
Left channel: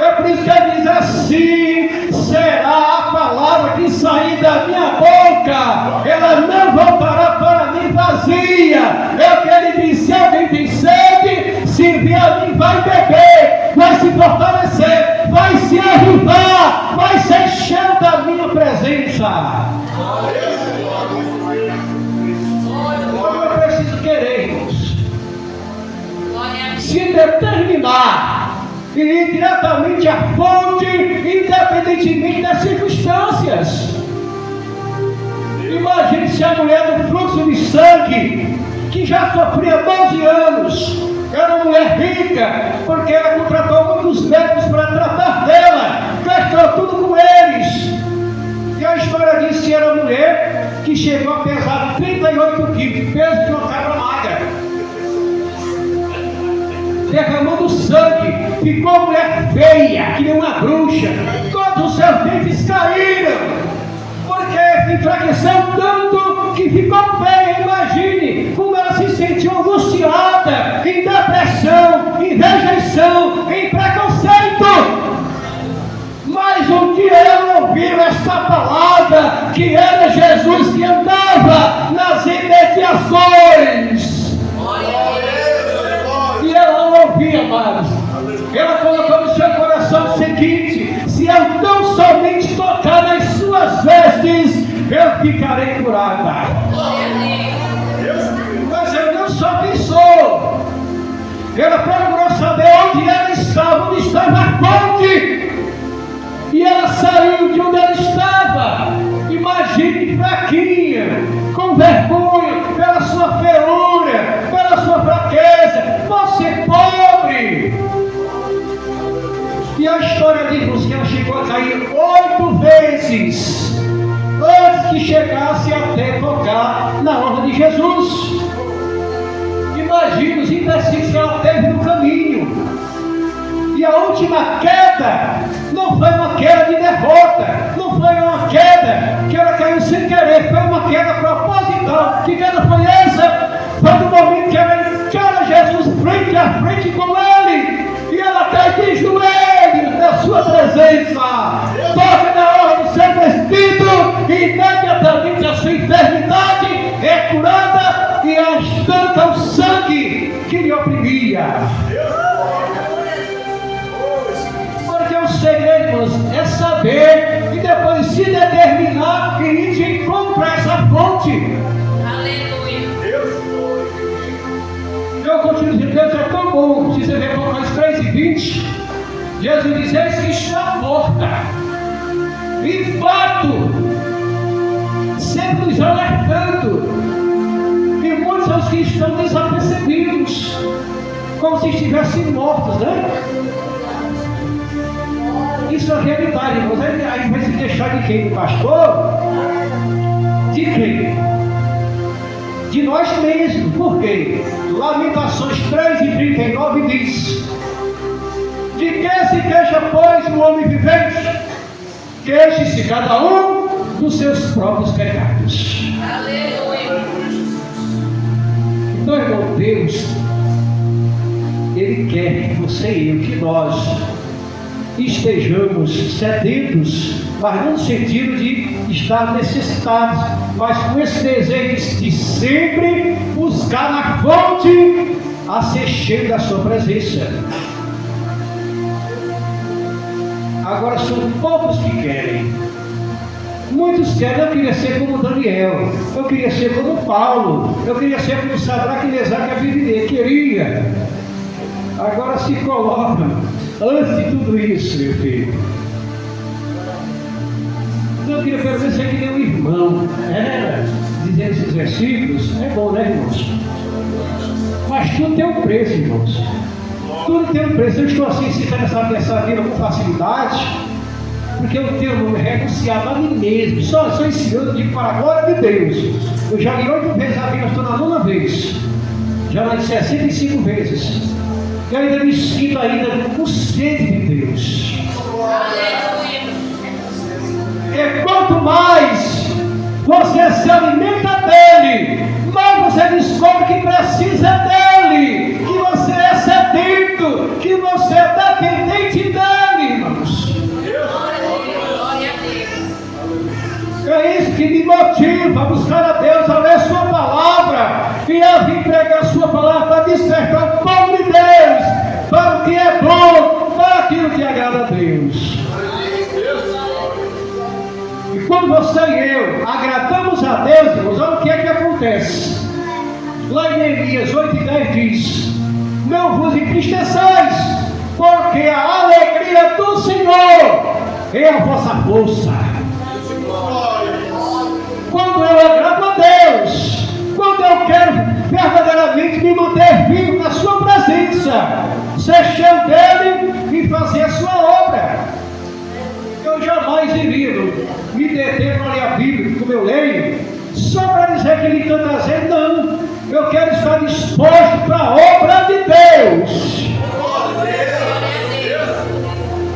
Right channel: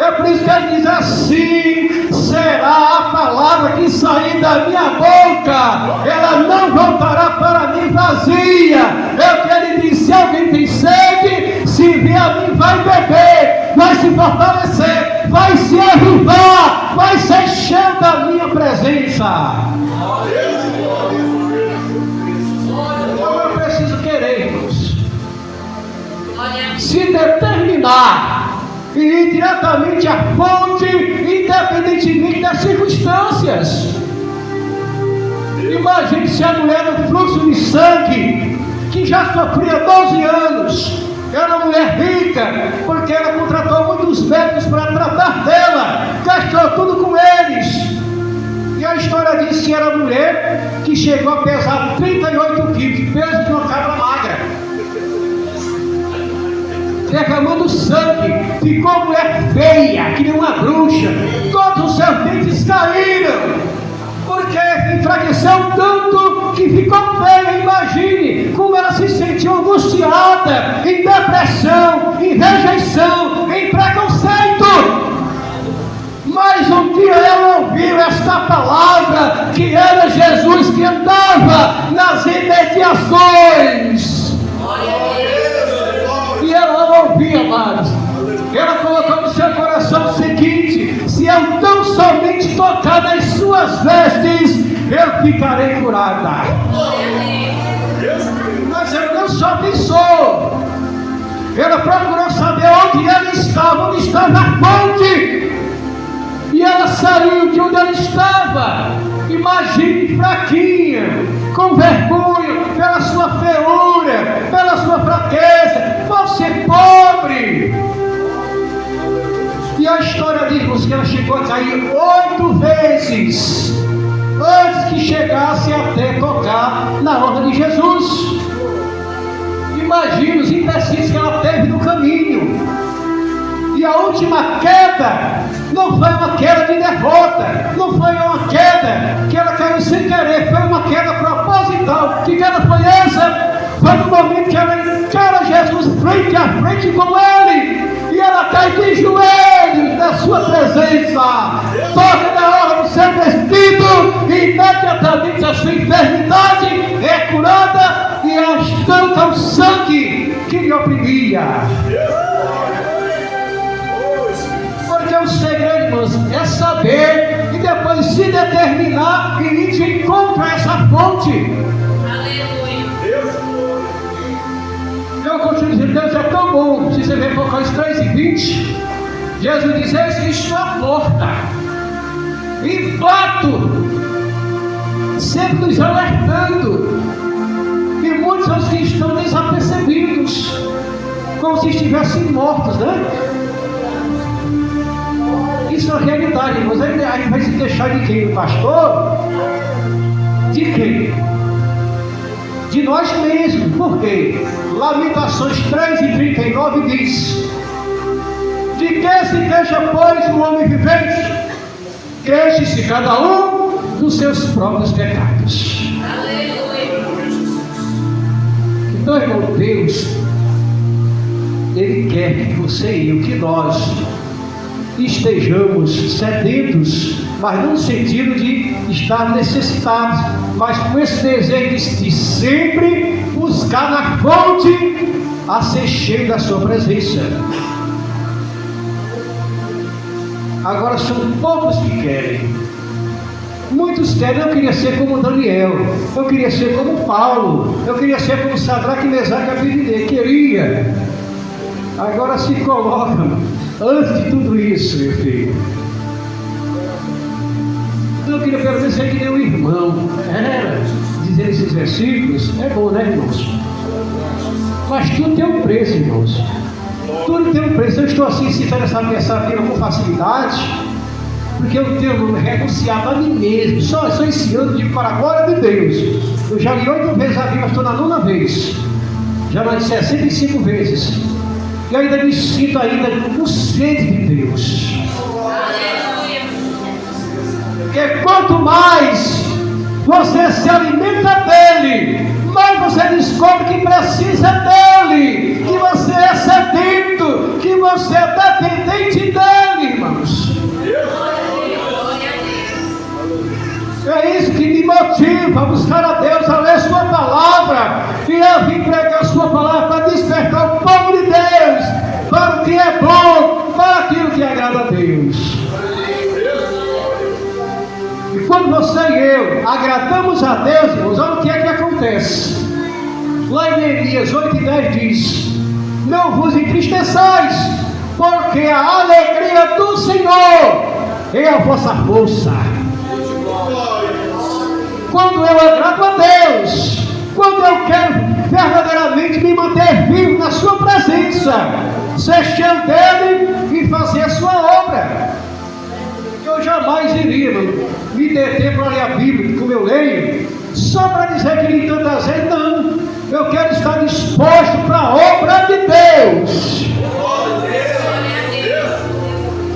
É por isso que ele diz: assim será a palavra que sair da minha boca, ela não voltará para mim vazia. É o que ele diz: se alguém tem sede, se vier a mim, vai beber, vai se fortalecer, vai se avivar, vai ser cheio da minha presença. Eu preciso querer, irmãos, se determinar e ir diretamente à fonte, independentemente das circunstâncias. Imagine se a mulher do fluxo de sangue, que já sofria 12 anos, era uma mulher rica, porque ela contratou muitos médicos para tratar dela, gastou tudo com eles. E a história diz que era uma mulher que chegou a pesar 38 quilos, peso de uma cabra magra, derramando sangue, ficou mulher feia, que nem uma bruxa, todos os seus dentes caíram, porque enfraqueceu tanto que ficou feia. Imagine como ela se sentiu angustiada, em depressão, em rejeição, em preconceito. Mas um dia ela ouviu esta palavra, que era Jesus que andava nas imediações. E ela ouvia, amados. Ela colocou no seu coração o seguinte: se eu tão somente tocar nas suas vestes, eu ficarei curada. Mas ela não só pensou, ela procurou saber onde ela estava, onde estava a fonte. E ela saiu de onde ela estava. Imagine, fraquinha, com vergonha, pela sua feiura, pela sua fraqueza, você pobre. E a história diz que ela chegou a cair 8 vezes antes que chegasse até tocar na orla de Jesus. Imagine os empecilhos que ela teve no caminho. E a última queda não foi uma queda de derrota, não foi uma queda que ela caiu sem querer, foi uma queda proposital. Que queda foi essa? Foi no momento que ela encara Jesus frente a frente com ele, e ela cai de joelhos na sua presença, toca na hora do seu vestido, e imediatamente a sua enfermidade é curada, e estanca o sangue que lhe oprimia. O segredo, irmãos, é saber e depois se determinar e ir de encontro a essa fonte. Aleluia. Eu continuo dizendo: Deus é tão bom. Se você ver Apocalipse 3:20, Jesus diz: eis que estou à porta e bato, sempre nos alertando. E muitos são os que estão desapercebidos, como se estivessem mortos, né? Isso é realidade, irmãos. Aí vai se deixar de quem? Do pastor? De quem? De nós mesmos. Por quê? Lamentações 3:39 diz: De que se queixa, pois, o homem vivente? Queixe-se cada um dos seus próprios pecados. Aleluia. Então, irmão, Deus, Ele quer que você e eu, que nós estejamos sedentos, mas não no sentido de estar necessitados, mas com esse desejo de sempre buscar na fonte a ser cheio da sua presença. Agora são poucos que querem. Muitos querem. Eu queria ser como Daniel, eu queria ser como Paulo, eu queria ser como Sadraque, Mesaque e Abednego. Queria. Agora se colocam antes de tudo isso, meu filho. Então eu queria pelo menos ser que nem um irmão. Dizendo esses versículos, é bom, né, irmãos? Mas tudo tem um preço, irmãos. Tudo tem um preço. Eu estou assim, se interessado nessa vida com facilidade, porque eu tenho renunciado a mim mesmo. Só esse ano, digo, para a glória de Deus. Eu já li 8 vezes a Bíblia, estou na 9ª vez. Já li 65 vezes. E ainda me sinto ainda com sede de Deus. Porque quanto mais você se alimenta dele, mais você descobre que precisa dele, que você é sedento, que você é dependente dele, irmãos. É isso que me motiva a buscar a Deus, a ler a sua palavra, e a vir pregar a sua palavra para despertar o povo de Deus para o que é bom, para aquilo que agrada a Deus. E quando você e eu agradamos a Deus, irmãos, olha o que é que acontece. Lá em Neemias 8:10 diz: não vos entristeçais, porque a alegria do Senhor é a vossa força. Quando eu agrado a Deus, quando eu quero verdadeiramente me manter vivo na sua presença, ser cheio dele e fazer a sua obra, eu jamais iria me deter para ler a Bíblia, como eu leio, só para dizer que li tantas vezes. Não, eu quero estar disposto para a obra de Deus.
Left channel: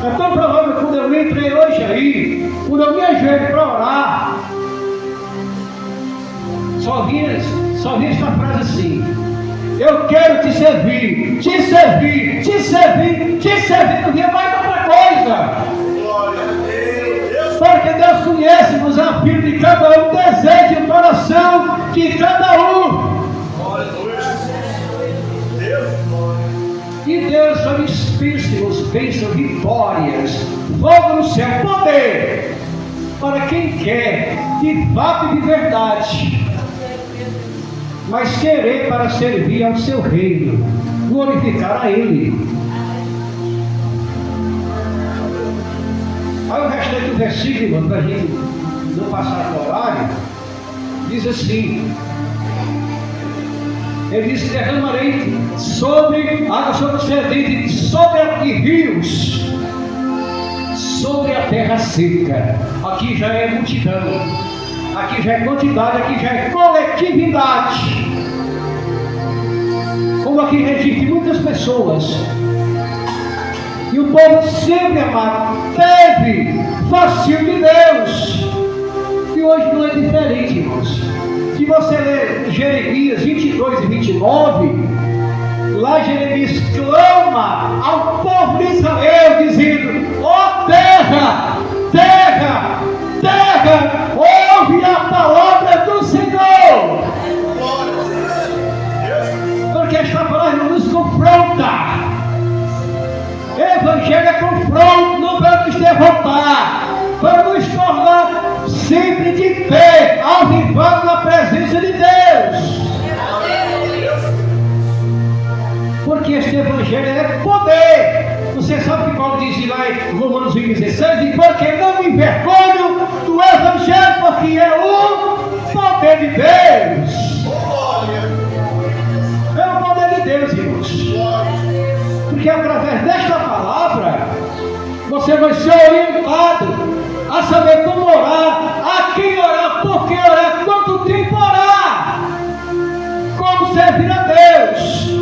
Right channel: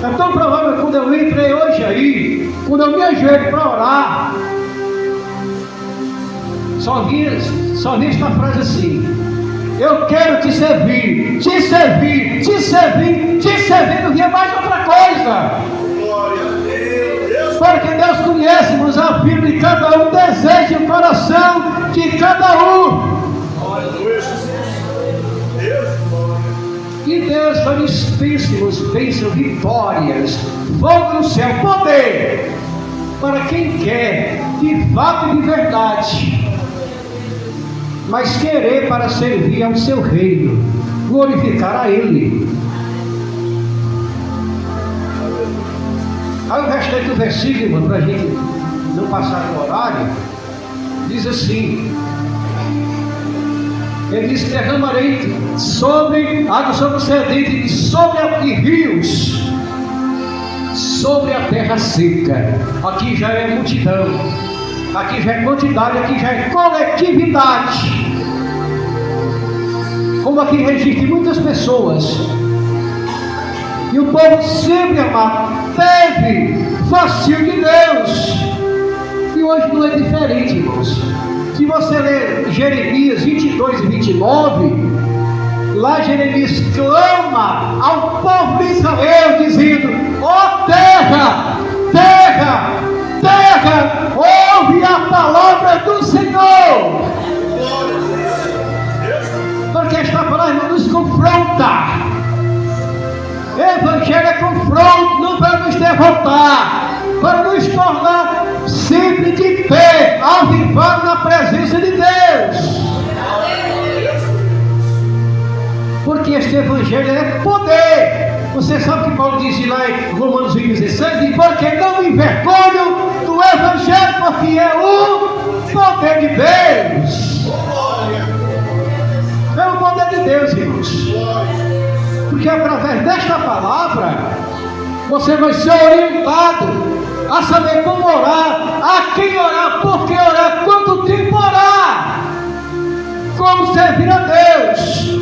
É tão provável que quando eu entrei hoje aí, quando eu me ajoelho para orar, só vinha esta frase assim: eu quero te servir, te servir, te servir, te servir. Não vinha mais outra coisa. Porque Deus conhece-nos a vida de cada um, deseja o coração de cada um. E Deus só nos bênçãos, vitórias, fogo no céu, poder, para quem quer, de fato e de verdade, mas querer para servir ao seu reino, glorificar a Ele. Aí o restante do versículo, para a gente não passar do horário, diz assim: ele diz: derramarei sobre água, sobre o sedente, sobre rios, sobre a terra seca. Aqui já é multidão, aqui já é quantidade, aqui já é coletividade. Como aqui registra muitas pessoas. E o povo sempre, amado, teve fascínio de Deus. E hoje não é diferente, irmãos. Se você ler Jeremias 22 e 29, lá Jeremias clama ao povo de Israel, dizendo: ó terra, terra, terra, ouve a palavra do Senhor. Porque esta palavra nos confronta. Evangelho é confronto, não para nos derrotar, para nos tornar sempre de pé, avivado na presença de Deus. Porque este Evangelho é poder. Você sabe que Paulo diz lá em Romanos 16: porque não me envergonho do Evangelho, porque é o poder de Deus. É o poder de Deus, irmãos. Porque através desta palavra você vai ser orientado a saber como orar, a quem orar, por que orar, quanto tempo orar, como servir a Deus.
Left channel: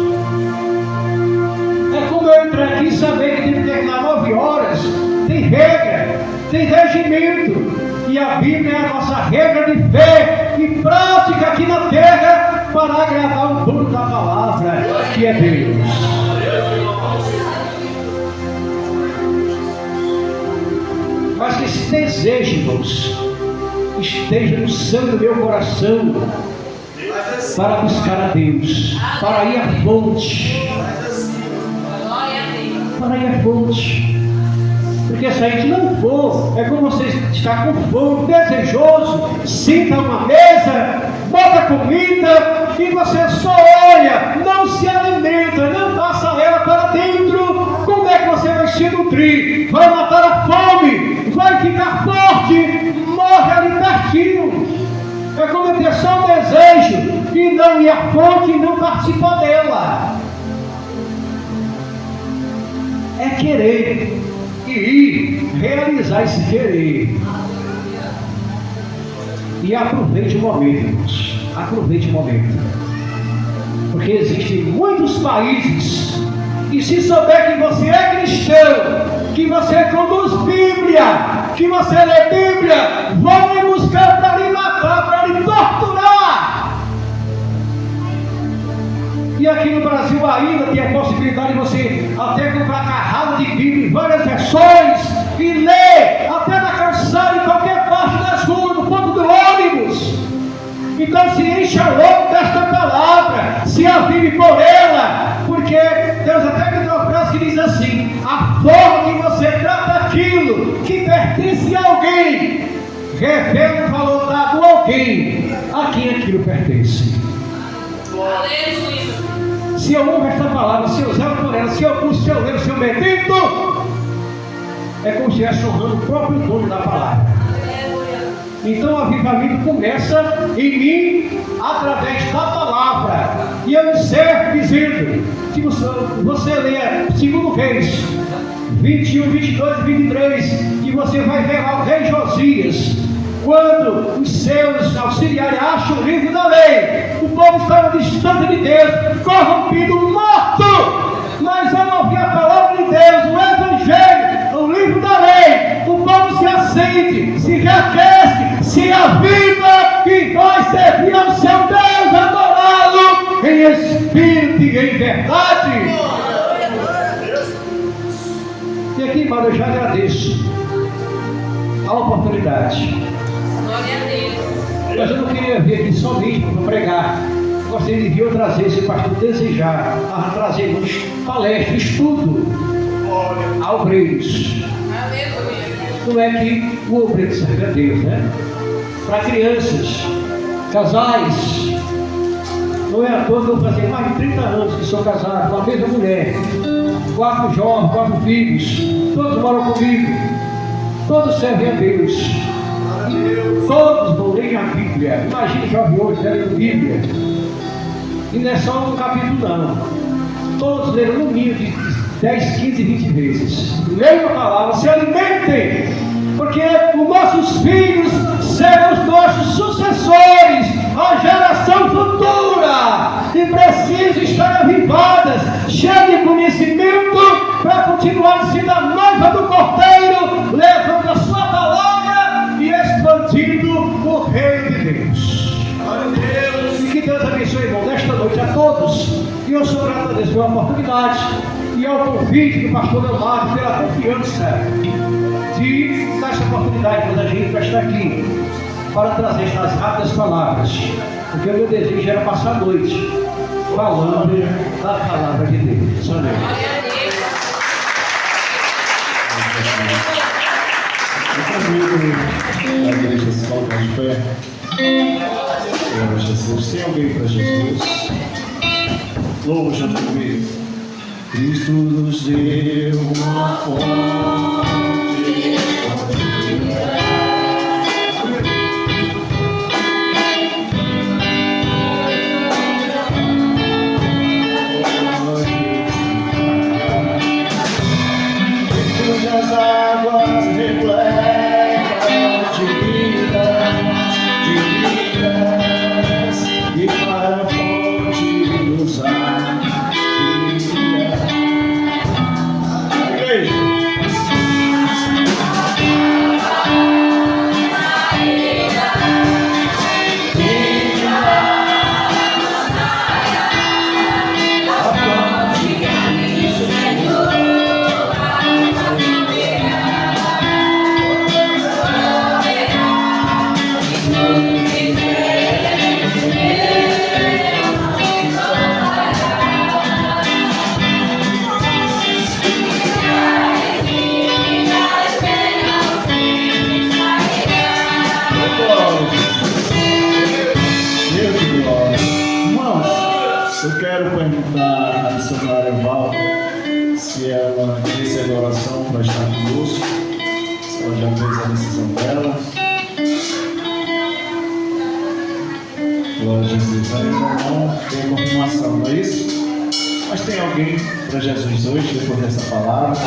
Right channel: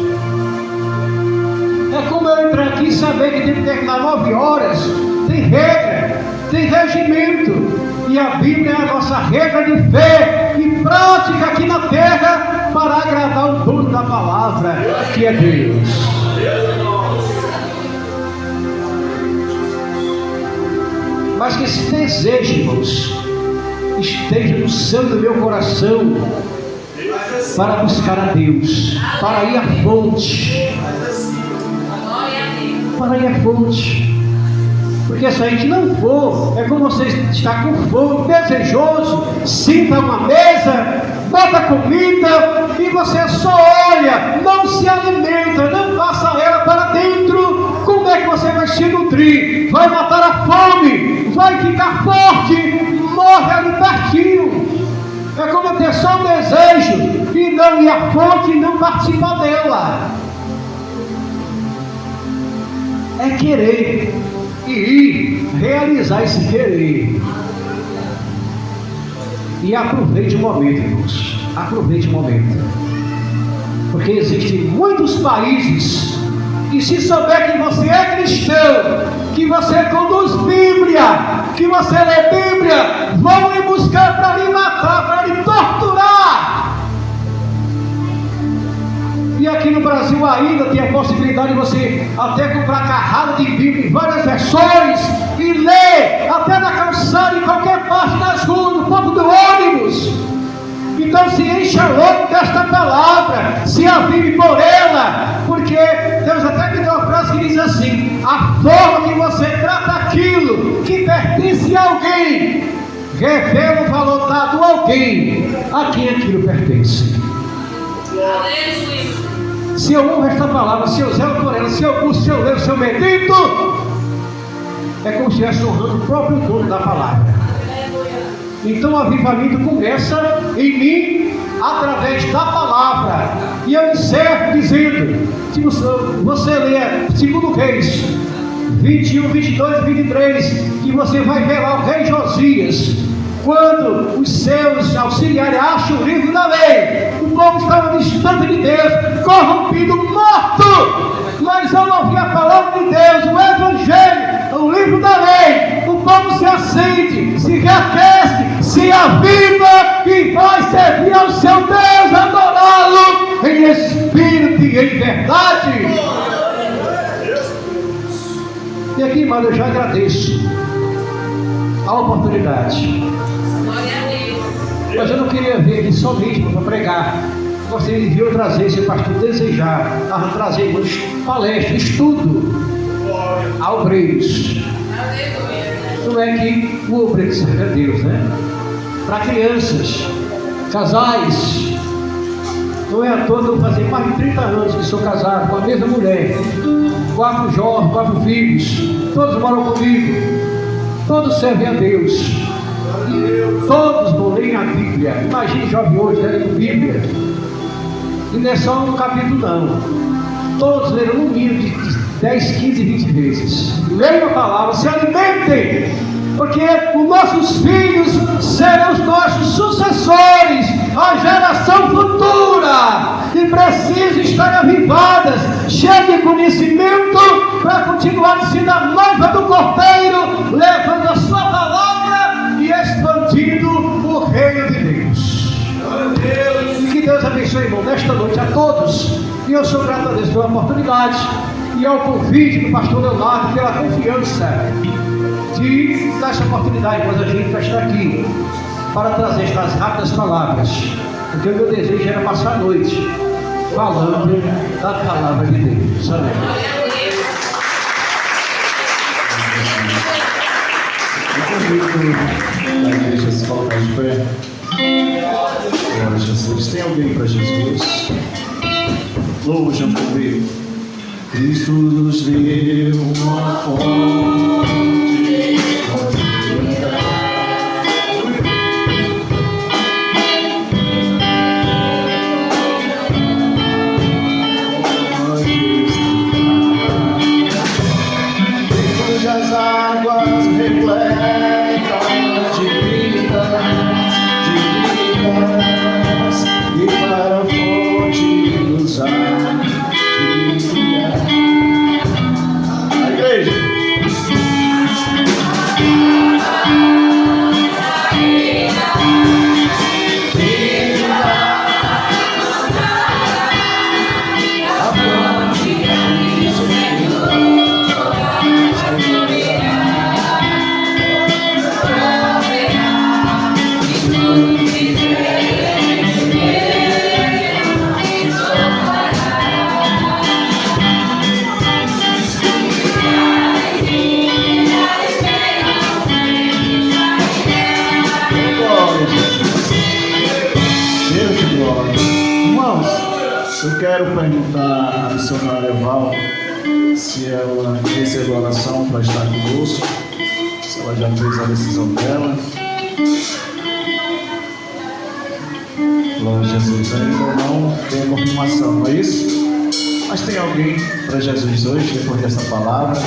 É como eu entrar aqui e saber que tem que terminar 9 horas, tem regra, tem regimento. E a Bíblia é a nossa regra de fé e prática aqui na terra para agradar o dono da palavra, que é Deus. Mas que esse desejo, irmãos, esteja no sangue do meu coração para buscar a Deus, para ir à fonte, para ir à fonte. Porque se a gente não for, é como você está com fome, desejoso, senta a uma mesa, bota comida e você só olha, não se alimenta, não passa ela para dentro. Como é que você vai se nutrir? Vai matar a fome, vai ficar forte, morre ali pertinho. É como ter só um desejo e não ir à fonte e não participar dela. É querer e ir realizar esse querer. E aproveite o momento, irmãos. Aproveite o momento. Porque existem muitos países, e se souber que você é cristão, que você conduz Bíblia, que você lê Bíblia, vão lhe buscar para lhe matar, para lhe torturar. E aqui no Brasil ainda tem a possibilidade de você até comprar carrado de Bíblia em várias versões e ler até na calçada, em qualquer parte das ruas, no ponto do ônibus. Então se encha logo desta palavra, se avive por ela, porque Deus até me deu uma frase que diz assim: a forma que você trata aquilo que pertence a alguém revela o valor dado a alguém a quem aquilo pertence. Se eu honro esta palavra, se eu zelo por ela, se eu busco, se eu levo, se eu medito, é como se estivesse honrando o próprio dono da palavra. Então o avivamento começa em mim através da palavra. E eu encerro dizendo, se você ler 2 Reis 21, 22 e 23, que você vai ver lá o rei Josias, quando os seus auxiliares acham o livro da lei, o povo estava distante de Deus, corrompido, morto, mas ao ouvir a palavra de Deus, o Evangelho, o livro da lei, o povo se acende, se reaquece, se aviva e vai servir ao seu Deus, adorá-lo em espírito e em verdade. E aqui, irmão, eu já agradeço a oportunidade. Mas eu não queria vir aqui somente para pregar. Gostaria de vir outras vezes, se o pastor desejar, a trazer palestra, estudo a obreiros. Não é que o obreiro serve a Deus, né? Para crianças, casais. Não é à toa que eu fazia mais de 30 anos que sou casado com a mesma mulher. 4 jovens, 4 filhos. Todos moram comigo. Todos servem a Deus. Todos vão ler a Bíblia. Imagine jovem hoje lendo Bíblia. E não é só um capítulo não. Todos leram no mínimo de 10, 15, 20 vezes. Leiam a palavra, se alimentem. Porque os nossos filhos serão os nossos sucessores, a geração futura. E precisam estar avivadas, cheias de conhecimento, para continuar sendo a noiva do Cordeiro, levando a sua palavra e expandindo o reino de Deus. E que Deus abençoe, irmão, nesta noite a todos. E eu sou grato a Deus pela oportunidade e ao convite do pastor Leonardo, pela confiança de dar essa oportunidade para a gente estar aqui, para trazer estas rápidas palavras. Porque o meu desejo era passar a noite falando da palavra de Deus. Amém. Eu convido a igreja a se colocar de pé. Glória a Jesus. Tem alguém para Jesus? Louvo junto comigo. Cristo nos deu uma fonte. Cujas águas repletam de vidas, e para a fonte nos guia. Eu quero perguntar à missionária Val se ela recebeu a oração para estar conosco, se ela já fez a decisão dela. Glória a Jesus. Ainda não tem confirmação, não é isso? Mas tem alguém para Jesus hoje, depois dessa palavra?